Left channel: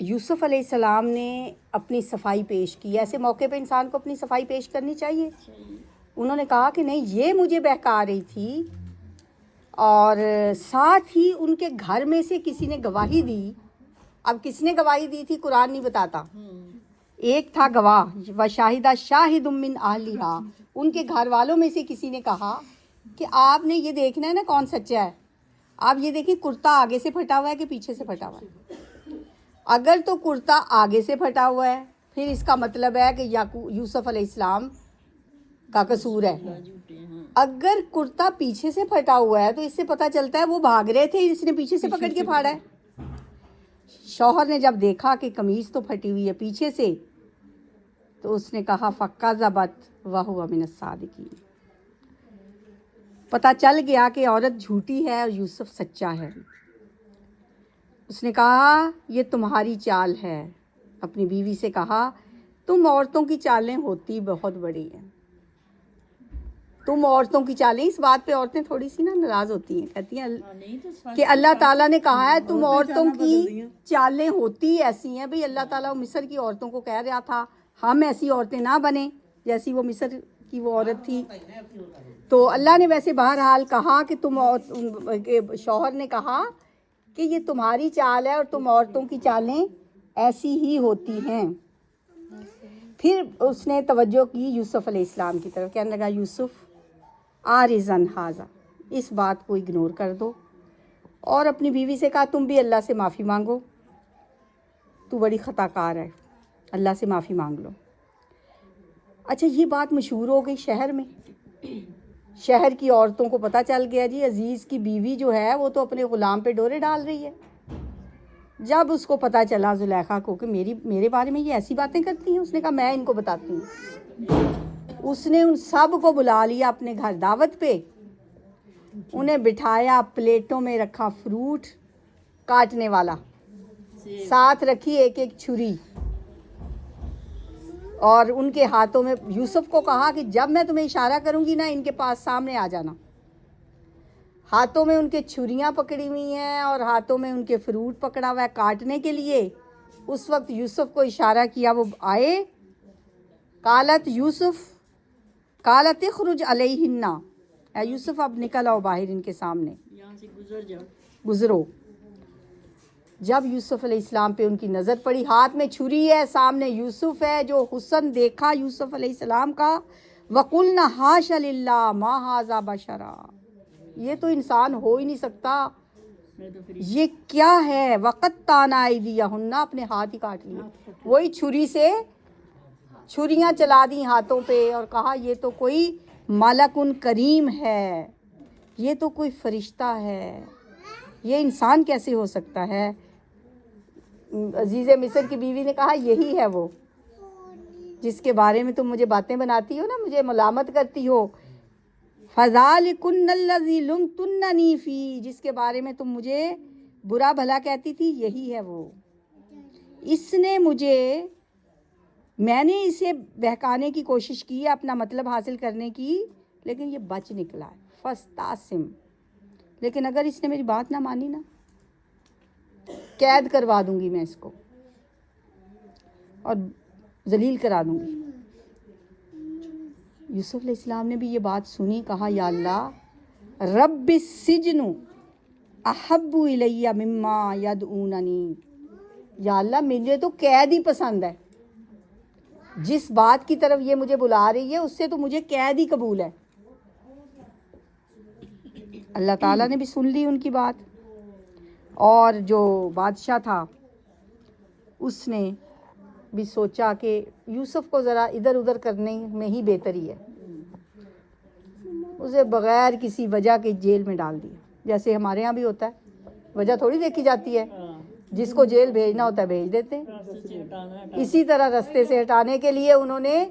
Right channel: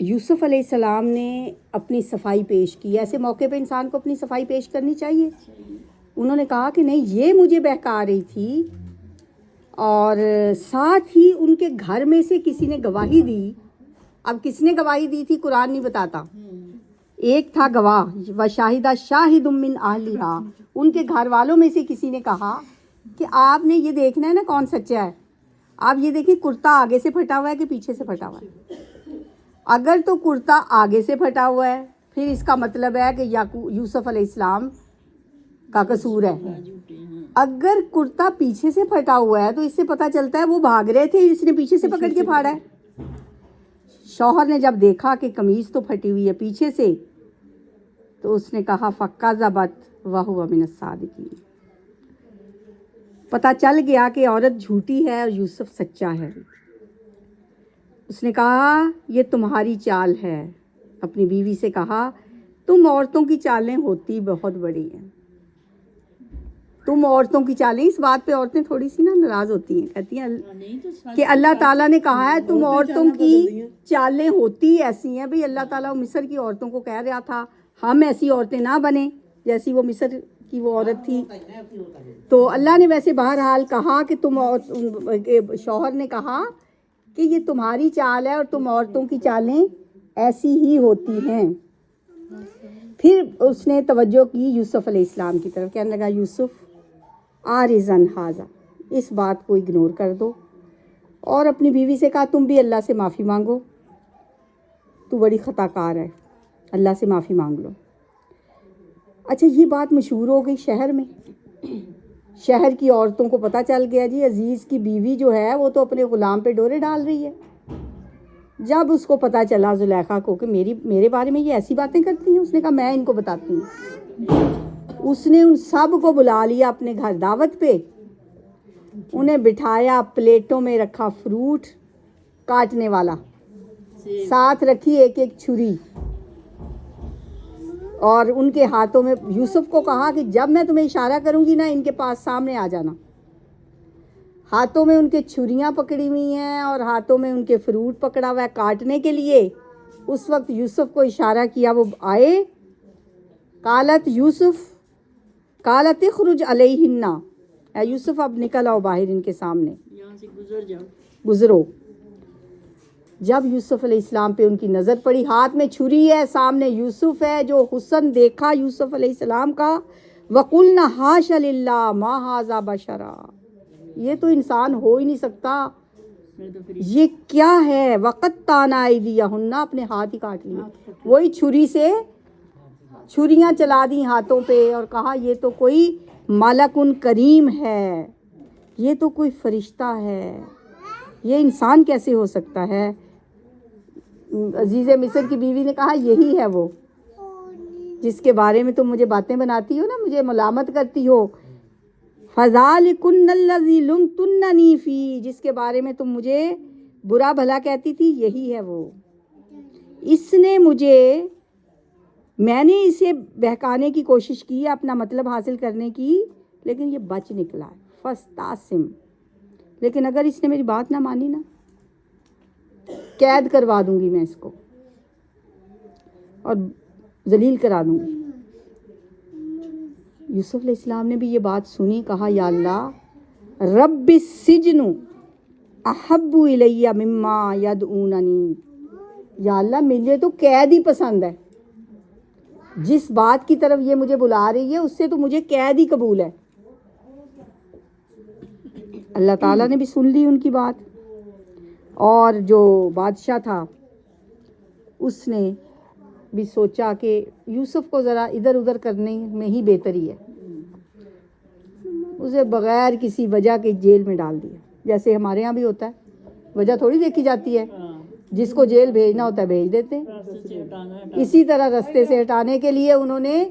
یوسف علیہ السلام نے اپنی صفائی پیش کی. ایسے موقع پہ انسان کو اپنی صفائی پیش کرنی چاہیے. انہوں نے کہا کہ نہیں یہ مجھے بہکا رہی تھی, اور ساتھ ہی ان کے گھر میں سے کسی نے گواہی دی. اب کس نے گواہی دی تھی قرآن نہیں بتاتا. ایک تھا گواہ, وشاہدہ شاہد من اہلہا, ان کے گھر والوں میں سے کسی نے کہا کہ آپ نے یہ دیکھنا ہے نا کون سچا ہے. آپ یہ دیکھیں کرتا آگے سے پھٹا ہوا ہے کہ پیچھے سے پھٹا ہوا ہے. اگر تو کرتا آگے سے پھٹا ہوا ہے پھر اس کا مطلب ہے کہ یوسف علیہ السلام کا قصور ہے. اگر کرتا پیچھے سے پھٹا ہوا ہے تو اس سے پتہ چلتا ہے وہ بھاگ رہے تھے, اس نے پیچھے سے پکڑ کے پھاڑا ہے. شوہر نے جب دیکھا کہ قمیض تو پھٹی ہوئی ہے پیچھے سے, تو اس نے کہا فَكَذَبَتْ وَهُوَ مِنَ الصَّادِقِينَ. پتہ چل گیا کہ عورت جھوٹی ہے اور یوسف سچا ہے. اس نے کہا یہ تمہاری چال ہے. اپنی بیوی سے کہا تم عورتوں کی چالیں ہوتی بہت بڑی ہیں. تم عورتوں کی چالیں, اس بات پہ عورتیں تھوڑی سی نا ناراض ہوتی ہیں, کہتی ہیں کہ اللہ تعالیٰ نے کہا ہے تم عورتوں کی چالیں ہوتی ایسی ہیں. بھئی اللہ تعالیٰ مصر کی عورتوں کو کہہ رہا تھا ہم ایسی عورتیں نہ بنیں جیسی وہ مصر کی وہ عورت تھی. تو اللہ نے ویسے بہرحال کہا کہ تم, شوہر نے کہا کہ یہ تمہاری چال ہے اور تم عورتوں کی چالیں ایسی ہی ہوتی ہیں. پھر اس نے توجہ کی یوسف علیہ السلام کی طرف, کہنے لگا یوسف آرزن حاضر, اس بات کو اگنور کر دو. اور اپنی بیوی سے کہا تم بھی اللہ سے معافی مانگو, تو بڑی خطا کار ہے, اللہ سے معافی مانگ لو. اچھا یہ بات مشہور ہو گئی شہر میں. شہر کی عورتوں کو پتہ چل گیا جی عزیز کی بیوی جو ہے وہ تو اپنے غلام پہ ڈورے ڈال رہی ہے. جب اس کو پتہ چلا زلیخا کو کہ میرے بارے میں یہ ایسی باتیں کرتی ہیں, اس نے کہا میں ان کو بتاتی ہوں. اس نے ان سب کو بلا لیا اپنے گھر دعوت پہ, انہیں بٹھایا, پلیٹوں میں رکھا فروٹ کاٹنے والا, ساتھ رکھی ایک ایک چھری, اور ان کے ہاتھوں میں یوسف کو کہا کہ جب میں تمہیں اشارہ کروں گی نا ان کے پاس سامنے آ جانا. ہاتھوں میں ان کے چھریاں پکڑی ہوئی ہیں اور ہاتھوں میں ان کے فروٹ پکڑا ہوا ہے کاٹنے کے لیے. اس وقت یوسف کو اشارہ کیا, وہ آئے. قالت یوسف قالت اخرج علیہن, اے یوسف اب نکل آؤ باہر ان کے سامنے, یہاں سے گزر جاؤ, گزرو. جب یوسف علیہ السلام پہ ان کی نظر پڑی, ہاتھ میں چھری ہے, سامنے یوسف ہے, جو حسن دیکھا یوسف علیہ السلام کا. وَقُلْنَا حَاشَ لِلَّهِ مَا هَذَا بَشَرًا, یہ تو انسان ہو ہی نہیں سکتا, یہ کیا ہے. وَقَطَّعْنَا أَيْدِيَهُنَّ, اپنے ہاتھ ہی کاٹ لیے, وہی چھری سے چھریاں چلا دی ہاتھوں پہ, اور کہا یہ تو کوئی ملکٌ کریم ہے, یہ تو کوئی فرشتہ ہے, یہ انسان کیسے ہو سکتا ہے. عزیز مصر کی بیوی نے کہا یہی ہے وہ جس کے بارے میں تم مجھے باتیں بناتی ہو نا, مجھے ملامت کرتی ہو. فَذَلِكُنَّ الَّذِي لُمْتُنَّنِي فِيهِ, جس کے بارے میں تم مجھے برا بھلا کہتی تھی, یہی ہے وہ. اس نے مجھے, میں نے اسے بہکانے کی کوشش کی, اپنا مطلب حاصل کرنے کی, لیکن یہ بچ نکلا. فَاسْتَعْصِمْ, لیکن اگر اس نے میری بات نہ مانی نا, قید کروا دوں گی میں اس کو اور ذلیل کرا دوں گی. یوسف علیہ السلام نے بھی یہ بات سنی, کہا یا اللہ رب السجن احب الی مما یدعوننی, یا اللہ مجھے تو قید ہی پسند ہے, جس بات کی طرف یہ مجھے بلا رہی ہے اس سے تو مجھے قید ہی قبول ہے. اللہ تعالیٰ نے بھی سن لی ان کی بات, اور جو بادشاہ تھا اس نے بھی سوچا کہ یوسف کو ذرا ادھر ادھر کرنے میں ہی بہتری ہے, اسے بغیر کسی وجہ کے جیل میں ڈال دیا. جیسے ہمارے ہاں بھی ہوتا ہے, وجہ تھوڑی دیکھی جاتی ہے, جس کو جیل بھیجنا ہوتا ہے بھیج دیتے ہیں. اسی طرح رستے سے ہٹانے کے لیے انہوں نے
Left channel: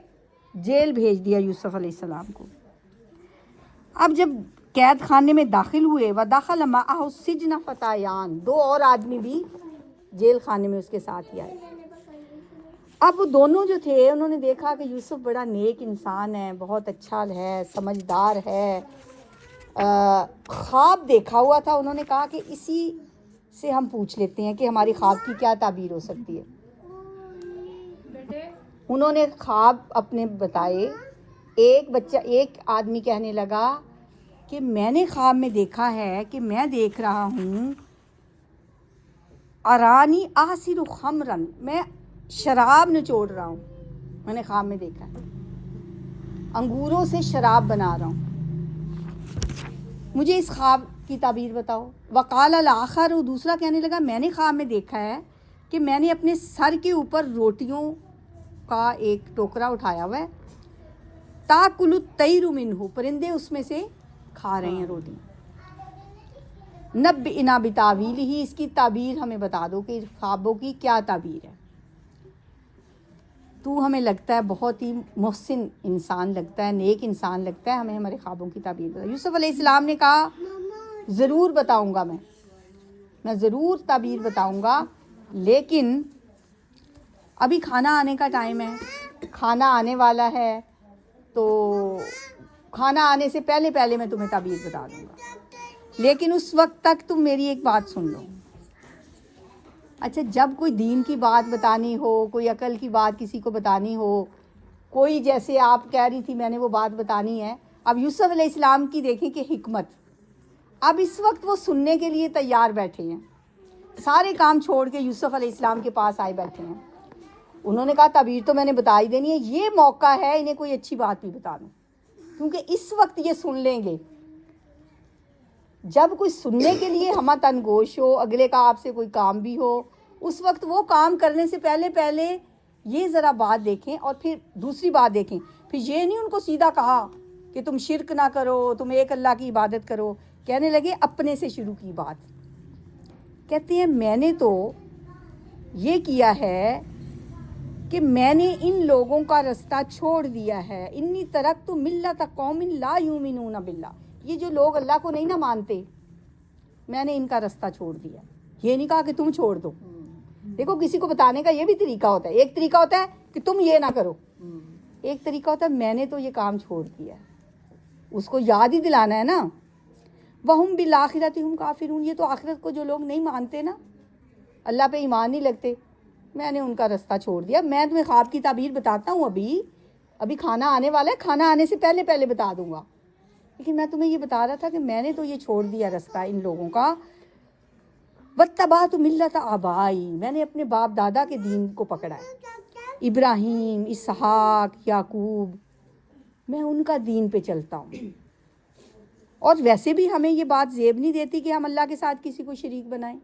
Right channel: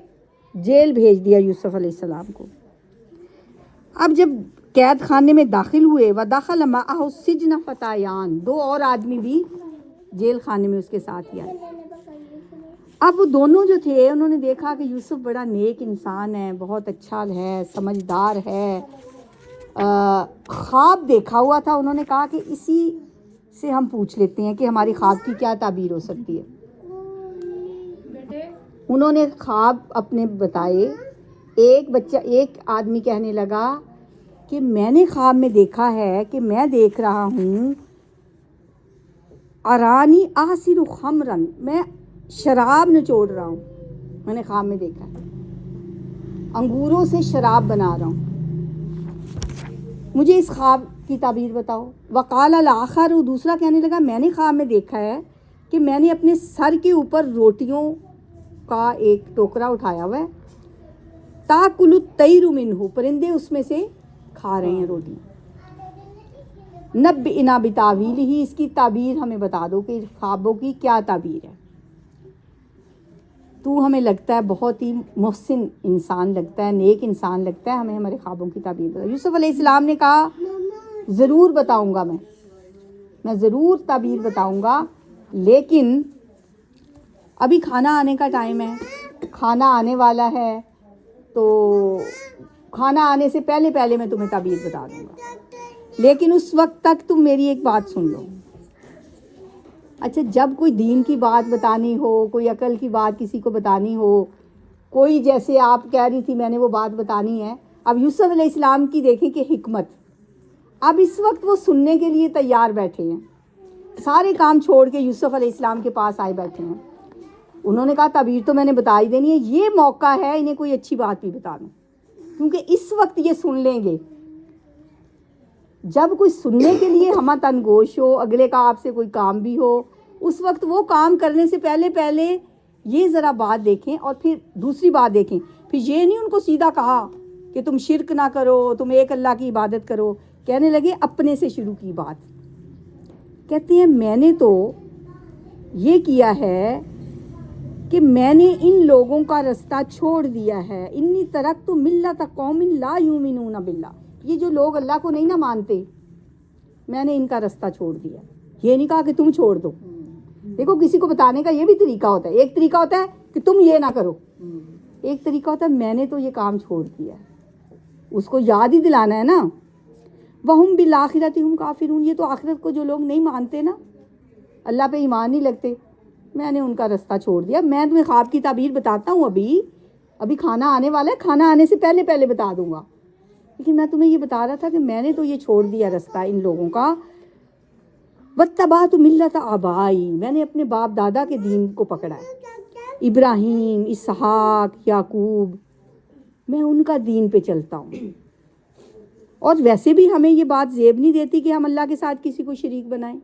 جیل بھیج دیا یوسف علیہ السلام کو. اب جب قید خانے میں داخل ہوئے, وَدَخَلَ مَعَهُ السِّجْنَ فَتَيَانِ, دو اور آدمی بھی جیل خانے میں اس کے ساتھ ہی آئے. اب وہ دونوں جو تھے انہوں نے دیکھا کہ یوسف بڑا نیک انسان ہے, بہت اچھا ہے, سمجھدار ہے, خواب دیکھا ہوا تھا. انہوں نے کہا کہ اسی سے ہم پوچھ لیتے ہیں کہ ہماری خواب کی کیا تعبیر ہو سکتی ہے. انہوں نے خواب اپنے بتائے. ایک آدمی کہنے لگا کہ میں نے خواب میں دیکھا ہے کہ میں دیکھ رہا ہوں ارانی آسر خمرن، میں شراب نچوڑ رہا ہوں. میں نے خواب میں دیکھا ہے انگوروں سے شراب بنا رہا ہوں. مجھے اس خواب کی تعبیر بتاؤ. وقال الاخر، دوسرا کہنے لگا میں نے خواب میں دیکھا ہے کہ میں نے اپنے سر کے اوپر روٹیوں کا ایک ٹوکرا اٹھایا ہوا ہے. تاکل الطیر منہ، پرندے اس میں سے کھا رہے ہیں روٹی. نبئنا بتاویلہ، اس کی تعبیر ہمیں بتا دو کہ خوابوں کی کیا تعبیر ہے. تو ہمیں لگتا ہے بہت ہی محسن انسان لگتا ہے، نیک انسان لگتا ہے، ہمیں ہمارے خوابوں کی تعبیر بتا. یوسف علیہ السلام نے کہا ضرور بتاؤں گا، میں ضرور تعبیر بتاؤں گا، لیکن ابھی کھانا آنے کا ٹائم ہے، کھانا آنے والا ہے، تو کھانا آنے سے پہلے میں تمہیں تعبیر بتا دوں گا، لیکن اس وقت تک تم میری ایک بات سن لو. اچھا، جب کوئی دین کی بات بتانی ہو، کوئی عقل کی بات کسی کو بتانی ہو، کوئی جیسے آپ کہہ رہی تھی میں نے وہ بات بتانی ہے. اب یوسف علیہ السلام کی دیکھیں کہ حکمت، اب اس وقت وہ سننے کے لیے تیار بیٹھے ہیں، سارے کام چھوڑ کے یوسف علیہ السلام کے پاس آئے بیٹھے ہیں. انہوں نے کہا تعبیر تو میں نے بتا ہی دینی ہے، یہ موقع ہے انہیں کوئی اچھی بات بھی بتا دوں، کیونکہ اس وقت یہ سن لیں گے. جب کوئی سننے کے لیے ہمہ تنگوش ہو، اگلے کا آپ سے کوئی کام بھی ہو، اس وقت وہ کام کرنے سے پہلے یہ ذرا بات دیکھیں اور پھر دوسری بات دیکھیں. پھر یہ نہیں ان کو سیدھا کہا کہ تم شرک نہ کرو، تم ایک اللہ کی عبادت کرو. کہنے لگے اپنے سے شروع کی بات. کہتے ہیں میں نے تو یہ کیا ہے کہ میں نے ان لوگوں کا رستہ چھوڑ دیا ہے. انی ترکت ملت قوم لا یؤمنون باللہ، یہ جو لوگ اللہ کو نہیں نہ مانتے، میں نے ان کا رستہ چھوڑ دیا. یہ نہیں کہا کہ تم چھوڑ دو. دیکھو کسی کو بتانے کا یہ بھی طریقہ ہوتا ہے. ایک طریقہ ہوتا ہے کہ تم یہ نہ کرو، ایک طریقہ ہوتا ہے میں نے تو یہ کام چھوڑ دیا. اس کو یاد ہی دلانا ہے نا. وَهُمْ بِالْآخِرَةِ هُمْ کافرون، یہ تو آخرت کو جو لوگ نہیں مانتے نا، اللہ پہ ایمان نہیں لگتے، میں نے ان کا رستہ چھوڑ دیا. میں تمہیں خواب کی تعبیر بتاتا ہوں، ابھی کھانا آنے والا ہے، کھانا آنے سے پہلے بتا دوں گا، لیکن میں تمہیں یہ بتا رہا تھا کہ میں نے تو یہ چھوڑ دیا رستہ ان لوگوں کا. وَاتَّبَعْتُ مِلَّةَ آبَائِي، میں نے اپنے باپ دادا کے دین کو پکڑا ہے، ابراہیم، اسحاق، یعقوب، میں ان کا دین پہ چلتا ہوں. اور ویسے بھی ہمیں یہ بات زیب نہیں دیتی کہ ہم اللہ کے ساتھ کسی کو شریک بنائیں.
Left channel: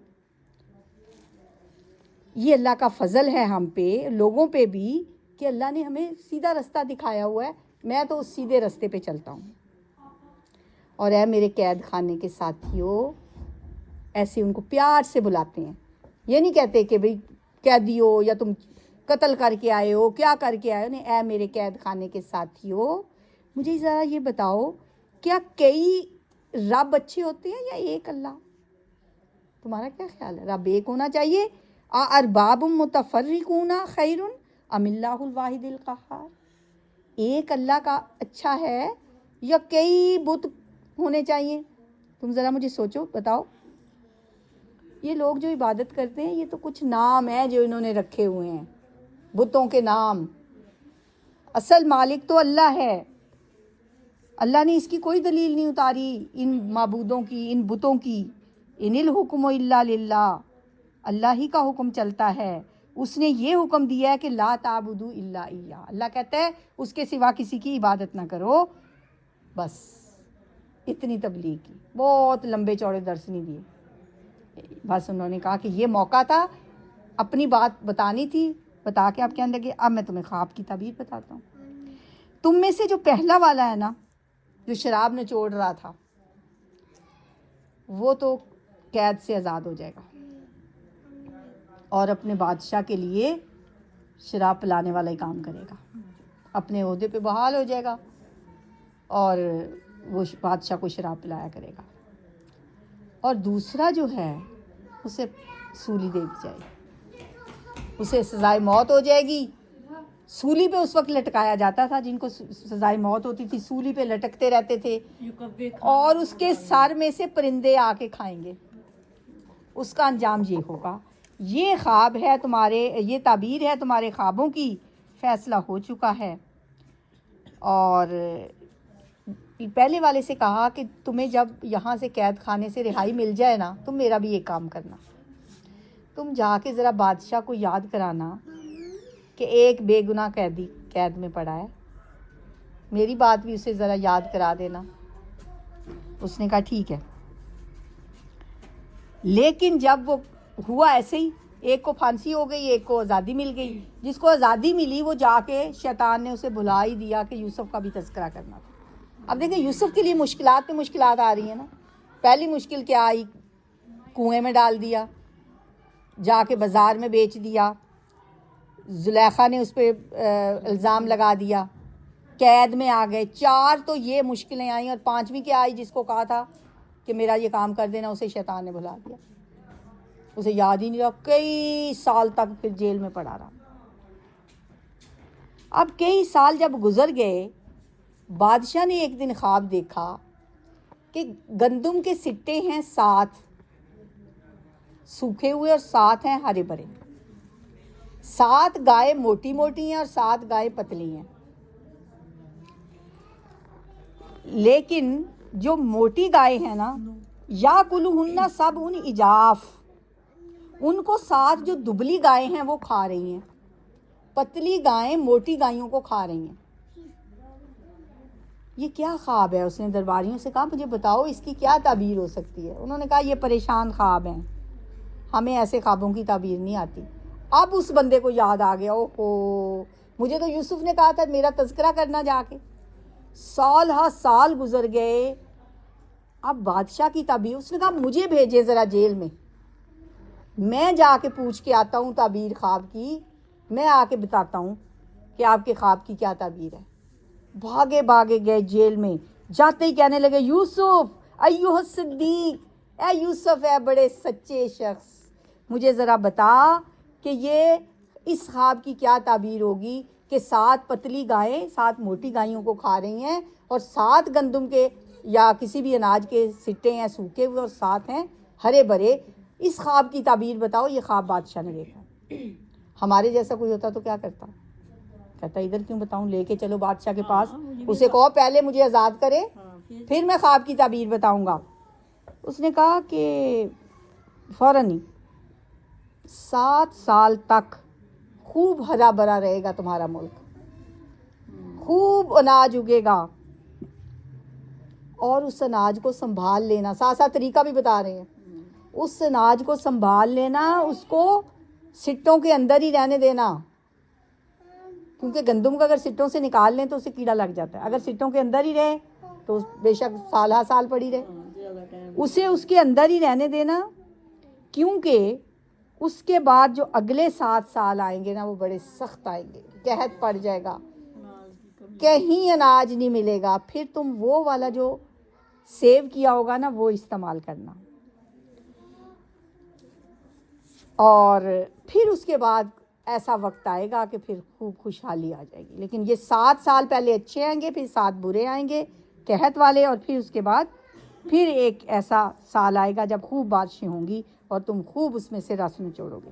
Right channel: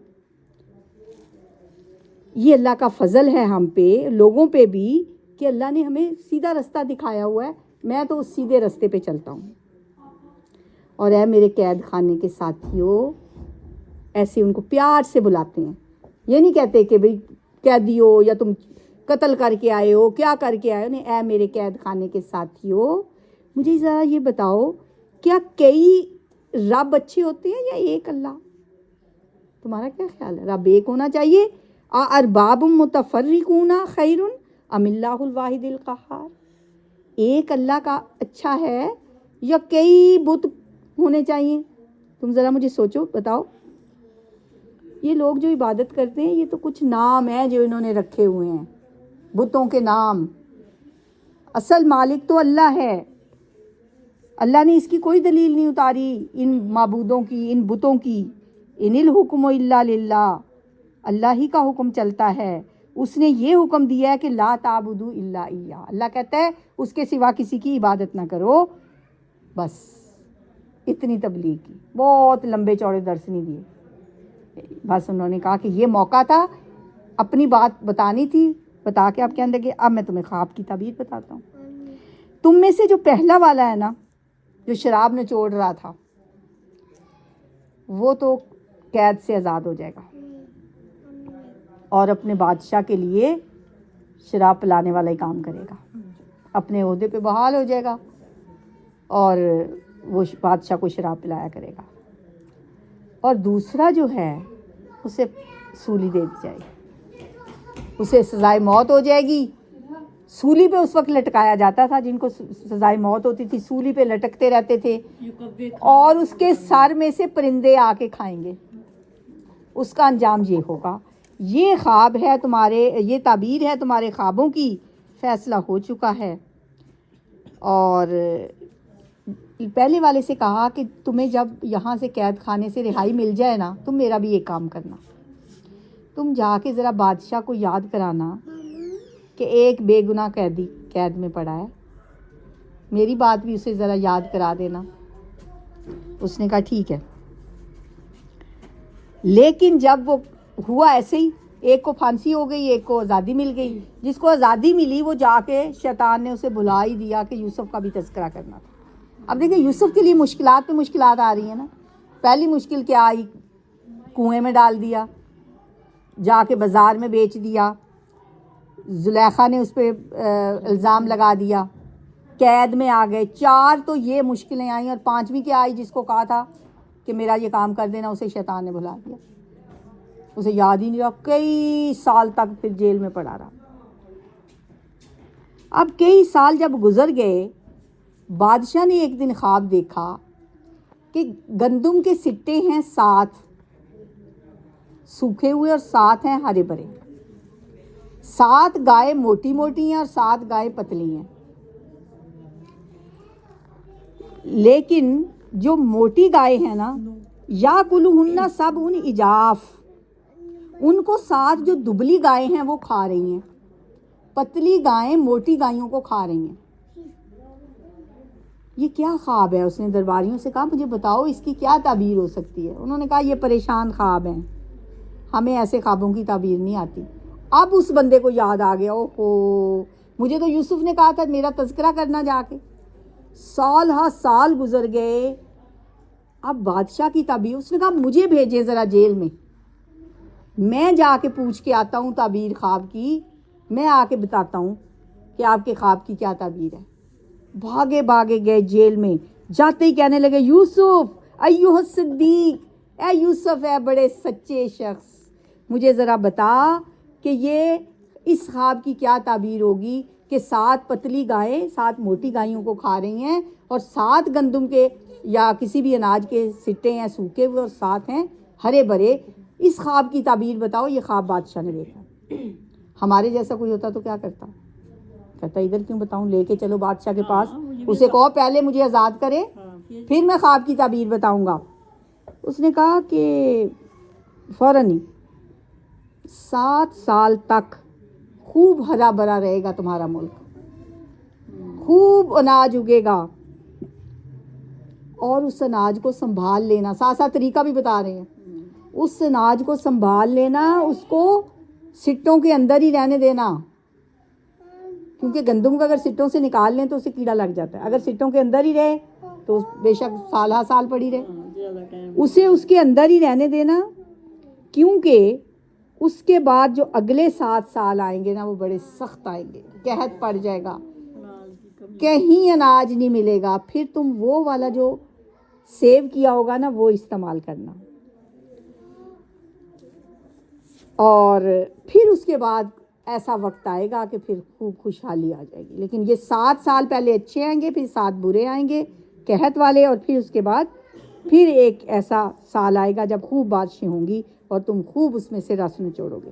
یہ اللہ کا فضل ہے ہم پہ، لوگوں پہ بھی، کہ اللہ نے ہمیں سیدھا رستہ دکھایا ہوا ہے. میں تو اس سیدھے رستے پہ چلتا ہوں. اور اے میرے قید خانے کے ساتھیوں، ایسے ان کو پیار سے بلاتے ہیں. یہ نہیں کہتے کہ بھئی قیدی ہو یا تم قتل کر کے آئے ہو، کیا کر کے آئے ہو. نہیں، اے میرے قید خانے کے ساتھیوں، مجھے ذرا یہ بتاؤ، کیا کئی رب اچھے ہوتے ہیں یا ایک اللہ؟ تمہارا کیا خیال ہے؟ رب ایک ہونا چاہیے؟ ارباب متفرقون خیر ام اللہ الواحد القہار؟ ایک اللہ کا اچھا ہے یا کئی بت ہونے چاہیے؟ تم ذرا مجھے سوچو، بتاؤ. یہ لوگ جو عبادت کرتے ہیں یہ تو کچھ نام ہیں جو انہوں نے رکھے ہوئے ہیں، بتوں کے نام. اصل مالک تو اللہ ہے. اللہ نے اس کی کوئی دلیل نہیں اتاری ان معبودوں کی، ان بتوں کی. ان الحکم الا للہ، اللہ ہی کا حکم چلتا ہے. اس نے یہ حکم دیا ہے کہ لا تعبدوا الا ایہ، اللہ کہتا ہے اس کے سوا کسی کی عبادت نہ کرو. بس اتنی تبلیغ کی، بہت لمبے چوڑے درس نہیں دیے. بس انہوں نے کہا کہ یہ موقع تھا، اپنی بات بتانی تھی، بتا کے آپ کہنے لگے اب میں تمہیں خواب کی تعبیر بتاتا ہوں. تم میں سے جو پہلا والا ہے نا، جو شراب نچوڑ رہا تھا، وہ تو قید سے آزاد ہو جائے گا اور اپنے بادشاہ کے لیے شراب پلانے والا ہی کام کرے گا، اپنے عہدے پہ بحال ہو جائے گا اور وہ بادشاہ کو شراب پلایا کرے گا. اور دوسرا جو ہے اسے سولی دے دی جائے گی، اسے سزائے موت ہو جائے گی. سولی پہ اس وقت لٹکایا جاتا تھا، جن کو سزائے موت ہوتی تھی سولی پہ لٹکتے رہتے تھے، اور اس کے سر میں سے پرندے آ کے کھائیں گے. اس کا انجام یہ ہوگا. یہ خواب ہے تمہارے, یہ تعبیر ہے تمہارے خوابوں کی, فیصلہ ہو چکا ہے. اور پہلے والے سے کہا کہ تمہیں جب یہاں سے قید خانے سے رہائی مل جائے نا, تم میرا بھی ایک کام کرنا, تم جا کے ذرا بادشاہ کو یاد کرانا کہ ایک بے گناہ قیدی قید میں پڑا ہے, میری بات بھی اسے ذرا یاد کرا دینا. اس نے کہا ٹھیک ہے. لیکن جب وہ ہوا ایسے ہی, ایک کو پھانسی ہو گئی, ایک کو آزادی مل گئی. جس کو آزادی ملی وہ جا کے شیطان نے اسے بلا ہی دیا کہ یوسف کا بھی تذکرہ کرنا. اب دیکھیں یوسف کے لیے مشکلات پہ مشکلات آ رہی ہیں نا. پہلی مشکل کیا آئی, کنویں میں ڈال دیا, جا کے بازار میں بیچ دیا, زلیخا نے اس پہ الزام لگا دیا, قید میں آ گئے. 4 تو یہ مشکلیں آئیں, اور 5ویں کیا آئی, جس کو کہا تھا کہ میرا یہ کام کر دینا, اسے شیطان نے بھلا دیا, اسے یاد ہی نہیں رہا, کئی سال تک پھر جیل میں پڑا رہا. اب کئی سال جب گزر گئے, بادشاہ نے ایک دن خواب دیکھا کہ گندم کے سٹے ہیں 7 سوکھے ہوئے اور 7 ہیں ہرے بھرے. 7 گائے موٹی موٹی ہیں اور 7 گائے پتلی ہیں. لیکن جو موٹی گائے ہیں نا, یا کلوہن سب ان اجاف, ان کو 7 جو دبلی گائے ہیں وہ کھا رہی ہیں, پتلی گائیں موٹی گائیوں کو کھا رہی ہیں. یہ کیا خواب ہے؟ اس نے درباریوں سے کہا مجھے بتاؤ اس کی کیا تعبیر ہو سکتی ہے. انہوں نے کہا یہ پریشان خواب ہیں, ہمیں ایسے خوابوں کی تعبیر نہیں آتی. اب اس بندے کو یاد آ گیا, اوہو مجھے تو یوسف نے کہا تھا میرا تذکرہ کرنا جا کے. سال ہا سال گزر گئے. اب بادشاہ کی تعبیر, اس نے کہا مجھے بھیجے ذرا جیل میں جا کے پوچھ کے آتا ہوں تعبیر خواب کی, میں آ کے بتاتا ہوں کہ آپ کے خواب کی کیا تعبیر ہے. بھاگے بھاگے گئے جیل میں. جاتے ہی کہنے لگے یوسف ایوہ الصدیق, اے یوسف ہے بڑے سچے شخص, مجھے ذرا بتا کہ یہ اس خواب کی کیا تعبیر ہوگی کہ 7 پتلی گائیں 7 موٹی گائیوں کو کھا رہی ہیں, اور 7 گندم کے یا کسی بھی اناج کے سٹے ہیں سوکھے ہوئے, اور 7 ہیں ہرے بھرے. اس خواب کی تعبیر بتاؤ. یہ خواب بادشاہ نے دیکھا. ہمارے جیسا کوئی ہوتا تو کیا کرتا؟ کہتا ادھر کیوں بتاؤں, لے کے چلو بادشاہ کے پاس, اسے کہو پہلے مجھے آزاد کرے پھر میں خواب کی تعبیر بتاؤں گا. اس نے کہا کہ فوراً ہی 7 سال تک خوب ہرا بھرا رہے گا تمہارا ملک, خوب اناج اگے گا, اور اس اناج کو سنبھال لینا. ساتھ ساتھ طریقہ بھی بتا رہے ہیں, اس اناج کو سنبھال لینا, اس کو سٹوں کے اندر ہی رہنے دینا, کیونکہ گندم کا اگر سٹوں سے نکال لیں تو اسے کیڑا لگ جاتا ہے. اگر سٹوں کے اندر ہی رہے تو بے شک سال ہا سال پڑی رہے, اسے اس کے اندر ہی رہنے دینا, کیونکہ اس کے بعد جو اگلے 7 سال آئیں گے نا وہ بڑے سخت آئیں گے, قحط پڑ جائے گا, کہیں اناج نہیں ملے گا. پھر تم وہ والا جو سیو کیا ہوگا نا وہ استعمال کرنا, اور پھر اس کے بعد ایسا وقت آئے گا کہ پھر خوب خوشحالی آ جائے گی. لیکن یہ 7 سال پہلے اچھے آئیں گے, پھر 7 برے آئیں گے قحط والے, اور پھر اس کے بعد پھر ایک ایسا سال آئے گا جب خوب بارشیں ہوں گی اور تم خوب اس میں سے رس نچوڑو گے.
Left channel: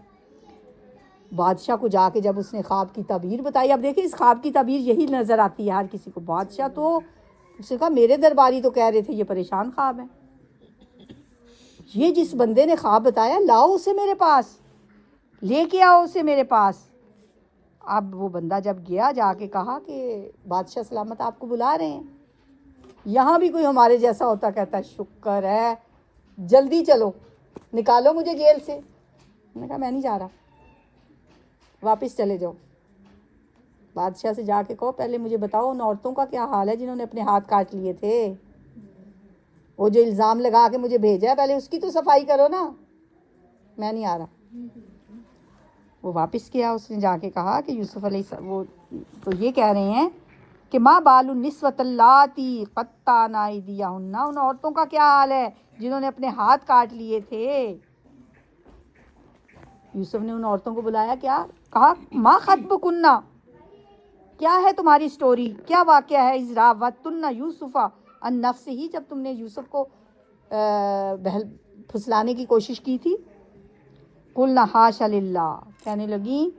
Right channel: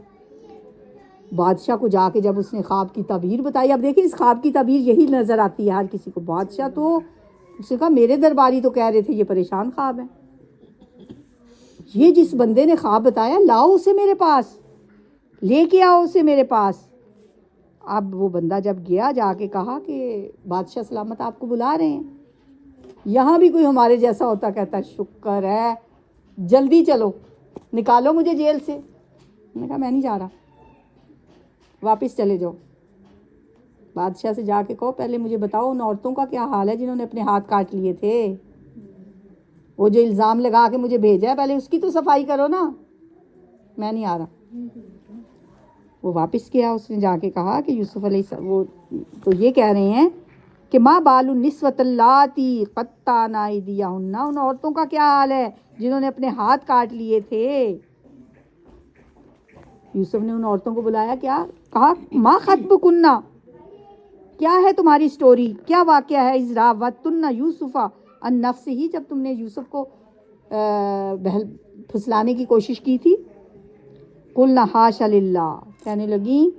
بادشاہ کو جا کے جب اس نے خواب کی تعبیر بتائی, اب دیکھیں اس خواب کی تعبیر یہی نظر آتی ہے ہر کسی کو. بادشاہ تو اس نے کہا میرے درباری تو کہہ رہے تھے یہ پریشان خواب ہے, یہ جس بندے نے خواب بتایا لاؤ اسے میرے پاس, لے کے آؤ اسے میرے پاس. اب وہ بندہ جب گیا, جا کے کہا کہ بادشاہ سلامت آپ کو بلا رہے ہیں. یہاں بھی کوئی ہمارے جیسا ہوتا کہتا شکر ہے, جلدی چلو نکالو مجھے جیل سے. میں نے کہا میں نہیں جا رہا, واپس چلے جاؤ. بادشاہ سے جا کے کہو پہلے مجھے بتاؤ ان عورتوں کا کیا حال ہے جنہوں نے اپنے ہاتھ کاٹ لیے تھے, وہ جو الزام لگا کے مجھے بھیجا ہے پہلے اس کی تو صفائی کرو نا, میں نہیں آ رہا. وہ واپس کیا, اس نے جا کے کہا کہ یوسف علیہ السلام, وہ تو یہ کہہ رہے ہیں کہ ما بال النسوۃ اللاتی قطعن ایدیہن, ان عورتوں کا کیا حال ہے جنہوں نے اپنے ہاتھ کاٹ لیے تھے. یوسف نے ان عورتوں کو بلایا, کیا کہا ما خطبکن, کیا ہے تمہاری سٹوری, کیا واقعہ ہے. اذ راوتن یوسف عن نفسہ, جب تم نے یوسف کو پھسلانے کی کوشش کی تھی قلنا حاشا للہ، کہنے لگی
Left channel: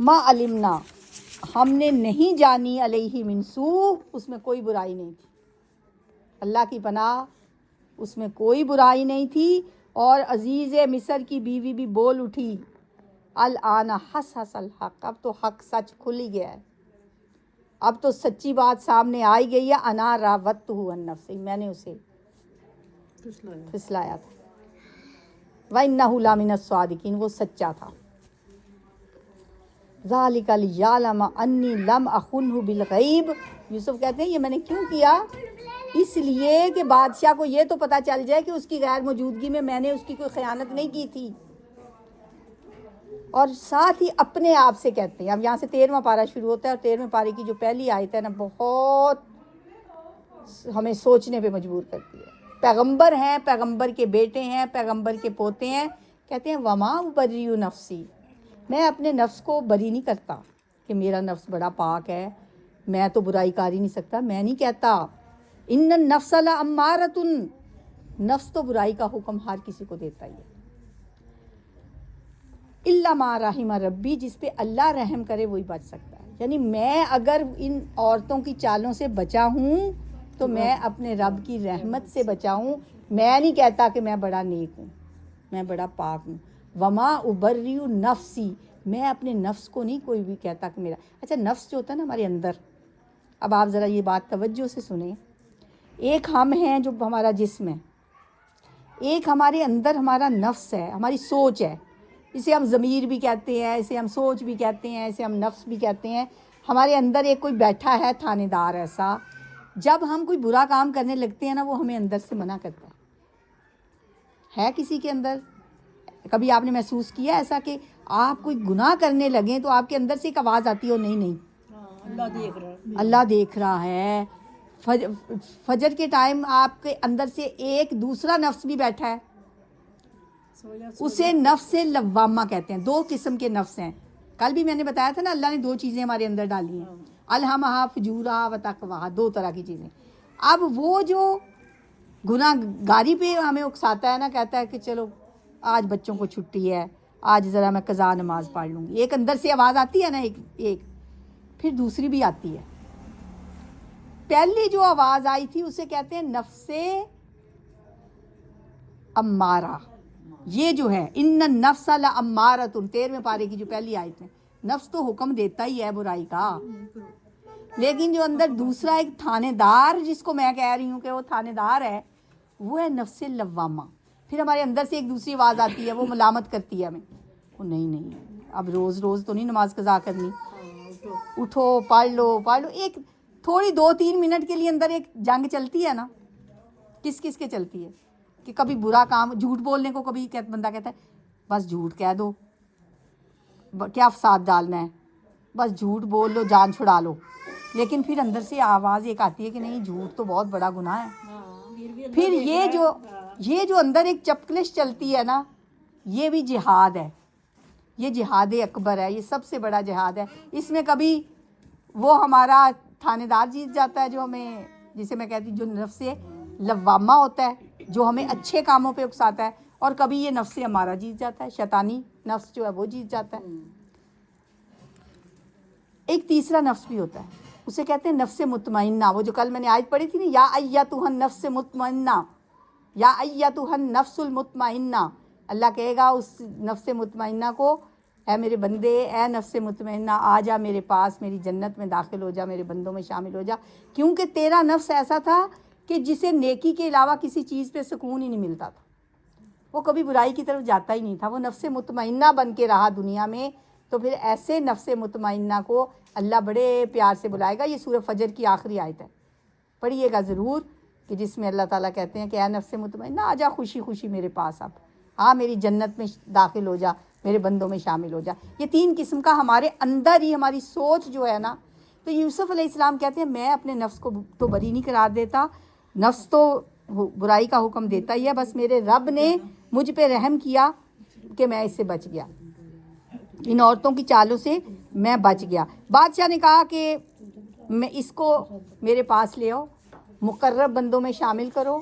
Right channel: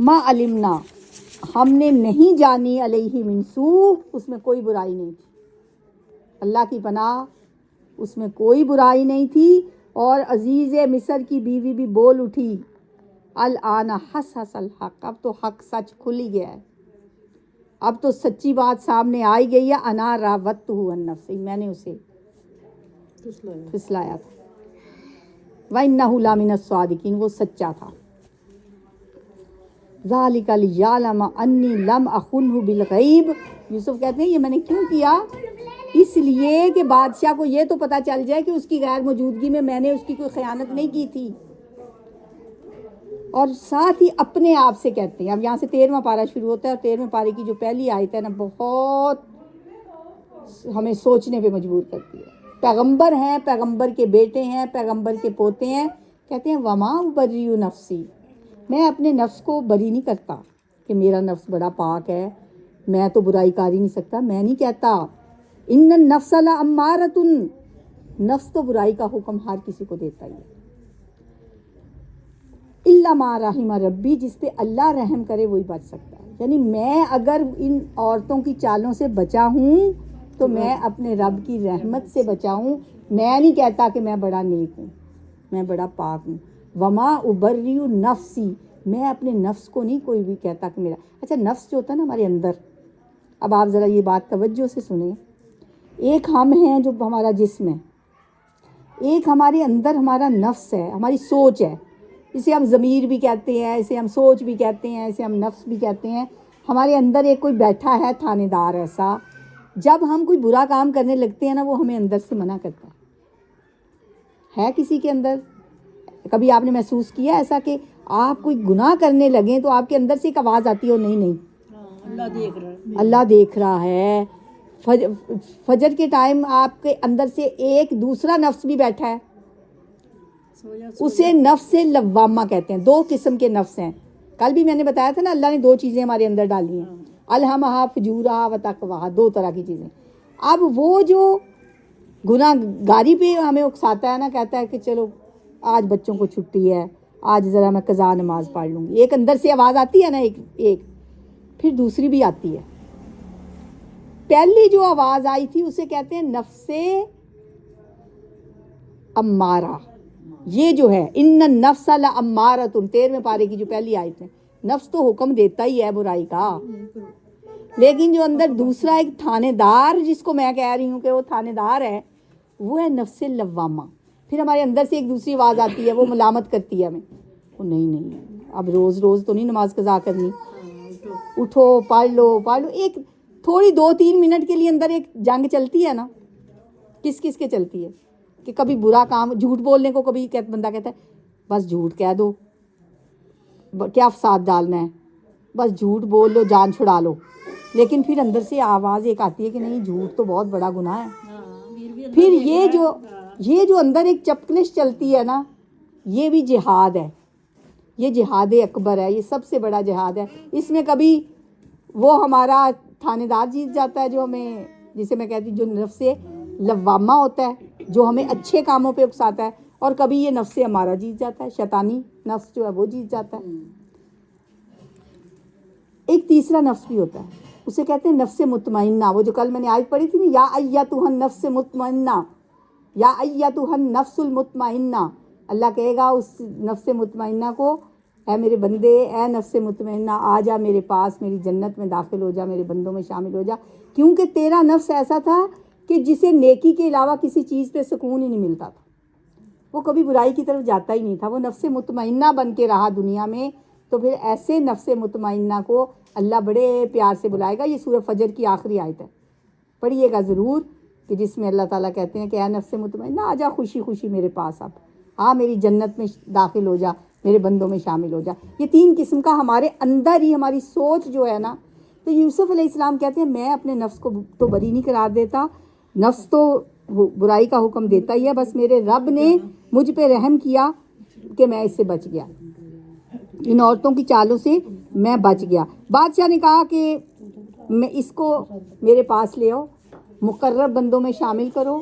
ما علمنا، ہم نے نہیں جانی علیہ من سوء، اس میں کوئی برائی نہیں تھی، اللہ کی پناہ اس میں کوئی برائی نہیں تھی۔ اور عزیز مصر کی بیوی بھی بول اٹھی الآن حس حس الحق، اب تو حق سچ کھل ہی گیا ہے، اب تو سچی بات سامنے آئی گئی ہے، انا راودتہ عن نفسہ، میں نے اسے پھسلایا تھا، وَإِنَّهُ لَمِنَ الصَّادِقِينَ، وہ سچا تھا۔ ذَلِكَ لِيَعْلَمَ أَنِّي لَمْ أَخُنْهُ بِالْغَيْبِ، یوسف کہتے ہیں یہ میں نے کیوں کیا، اس لیے کہ بادشاہ کو یہ تو پتہ چل جائے کہ اس کی غیر موجودگی میں نے اس کی کوئی خیانت نہیں کی تھی۔ اور ساتھ ہی اپنے آپ سے کہتے ہیں، اب یہاں سے 13واں پارہ شروع ہوتا ہے، اور 13ویں پارے کی جو پہلی آیت ہے نا بہت ہمیں سوچنے پہ مجبور کرتی ہے۔ پیغمبر ہیں، پیغمبر کے بیٹے ہیں، پیغمبر کے پوتے ہیں، کہتے ہیں وما ابری نفسی، میں اپنے نفس کو بری نہیں کرتا کہ میرا نفس بڑا پاک ہے، میں تو برائی کر ہی نہیں سکتا، میں نہیں کہتا ان النفس لامارۃ، نفس تو برائی کا حکم ہر کسی کو دیتا ہی ہے، الا ما رحم ربی، جس پہ اللہ رحم کرے وہی بچ سکتا ہے۔ یعنی میں اگر ان عورتوں کی چالوں سے بچا ہوں تو میں اپنے رب کی رحمت سے بچا ہوں، میں نہیں کہتا کہ میں بڑا نیک ہوں، میں بڑا پاک ہوں۔ وما ابری نفسی، میں اپنے نفس کو نہیں کوئی بھی کہتا کہ میرا، اچھا نفس جو ہوتا ہے نا ہمارے اندر، اب آپ ذرا یہ بات توجہ سے سنیں، ایک ہم ہیں جو ہمارا جسم ہے، ایک ہمارے اندر ہمارا نفس ہے، ہماری سوچ ہے، اسے ہم ضمیر بھی کہتے ہیں، اسے ہم سوچ بھی کہتے ہیں، اسے ہم نفس بھی کہتے ہیں۔ ہمارے اندر ایک کوئی بیٹھا ہے تھانے دار ایسا، جب ہم کوئی برا کام کرنے لگتے ہیں نا وہ ہمیں اندر سے منع کرتا ہے کسی کے اندر؟ کبھی آپ نے محسوس کیا ایسا کہ آپ کوئی گناہ کرنے لگیں تو آپ کے اندر سے ایک آواز آتی ہو نہیں اللہ دیکھ رہا ہے، اللہ دیکھ رہا ہے۔ فجر کے ٹائم آپ کے اندر سے ایک دوسرا نفس بھی بیٹھا ہے، اسے نفس لوامہ کہتے ہیں۔ دو قسم کے نفس ہیں، کل بھی میں نے بتایا تھا نا، اللہ نے دو چیزیں ہمارے اندر ڈالی ہیں، الہمہا فجورہا و تقواہا، دو طرح کی چیزیں۔ اب وہ جو گناہ گاری پہ ہمیں اکساتا ہے نا، کہتا ہے کہ چلو آج بچوں کو چھٹی ہے، آج ذرا میں قضا نماز پڑھ لوں گی، ایک اندر سے آواز آتی ہے نا، ایک پھر دوسری بھی آتی ہے۔ پہلی جو آواز آئی تھی اسے کہتے ہیں نفس امارہ، یہ جو ہے ان النفس لامارۃ، 13ویں پارے کی جو پہلی آیت ہے، نفس تو حکم دیتا ہی ہے برائی کا، لیکن جو اندر دوسرا ایک تھانے دار، جس کو میں کہہ رہی ہوں کہ وہ تھانے دار ہے، وہ ہے نفس لوامہ۔ پھر ہمارے اندر سے ایک دوسری آواز آتی ہے، وہ ملامت کرتی ہے ہمیں، وہ نہیں اب روز روز تو نہیں نماز قضا کرنی، اٹھو پڑھ لو ایک تھوڑی 2-3 منٹ کے لیے اندر ایک جنگ چلتی ہے نا، کس کس کے چلتی ہے کہ کبھی برا کام، جھوٹ بولنے کو کبھی بندہ کہتا ہے بس جھوٹ کہہ دو، کیا فساد ڈالنا ہے، بس جھوٹ بول لو جان چھڑا لو، لیکن پھر اندر سے آواز ایک آتی ہے کہ نہیں جھوٹ تو بہت بڑا گناہ ہے۔ پھر یہ جو اندر ایک چپکلش چلتی ہے نا، یہ بھی جہاد ہے، یہ جہاد اکبر ہے، یہ سب سے بڑا جہاد ہے۔ اس میں کبھی وہ ہمارا تھانے دار جیت جاتا ہے جو ہمیں، جسے میں کہتی ہوں جو نفس لوامہ ہوتا ہے، جو ہمیں اچھے کاموں پہ اکساتا ہے، اور کبھی یہ نفس ہمارا جیت جاتا ہے، شیطانی نفس جو ہے وہ جیت جاتا ہے۔ ایک تیسرا نفس بھی ہوتا ہے، اسے کہتے ہیں نفس مطمئنہ، وہ جو کل میں نے آیت پڑھی تھی نا، یا ایتھا النفس مطمئنہ، یا ایتھا النفس المطمئنہ، اللہ کہے گا اس نفس مطمئنہ کو، اے میرے بندے، اے نفس مطمئنہ، آ جا میرے پاس، میری جنت میں داخل ہو جا، میرے بندوں میں شامل ہو جا، کیونکہ تیرا نفس ایسا تھا کہ جسے نیکی کے علاوہ کسی چیز پہ سکون ہی نہیں ملتا تھا، وہ کبھی برائی کی طرف جاتا ہی نہیں تھا، وہ نفس مطمئنہ بن کے رہا دنیا میں۔ تو پھر ایسے نفس مطمئنہ کو اللہ بڑے پیار سے بلائے گا۔ یہ سورہ فجر کی آخری آیت ہے، پڑھیے گا ضرور، کہ جس میں اللہ تعالیٰ کہتے ہیں کہ اے نفس مطمئنہ، آ جا خوشی خوشی میرے پاس، اب آ میری جنت میں داخل ہو جا، میرے بندوں میں شامل ہو جا۔ یہ 3 قسم کا ہمارے اندر ہی ہماری سوچ جو ہے نا، تو یوسف علیہ السلام کہتے ہیں میں اپنے نفس کو تو بری نہیں قرار دیتا، نفس تو برائی کا حکم دیتا ہی ہے، بس میرے رب نے مجھ پہ رحم کیا کہ میں اس سے بچ گیا، ان عورتوں کی چالوں سے میں بچ گیا۔ بادشاہ نے کہا کہ میں اس کو میرے پاس لے آؤ، مقرب بندوں میں شامل کرو،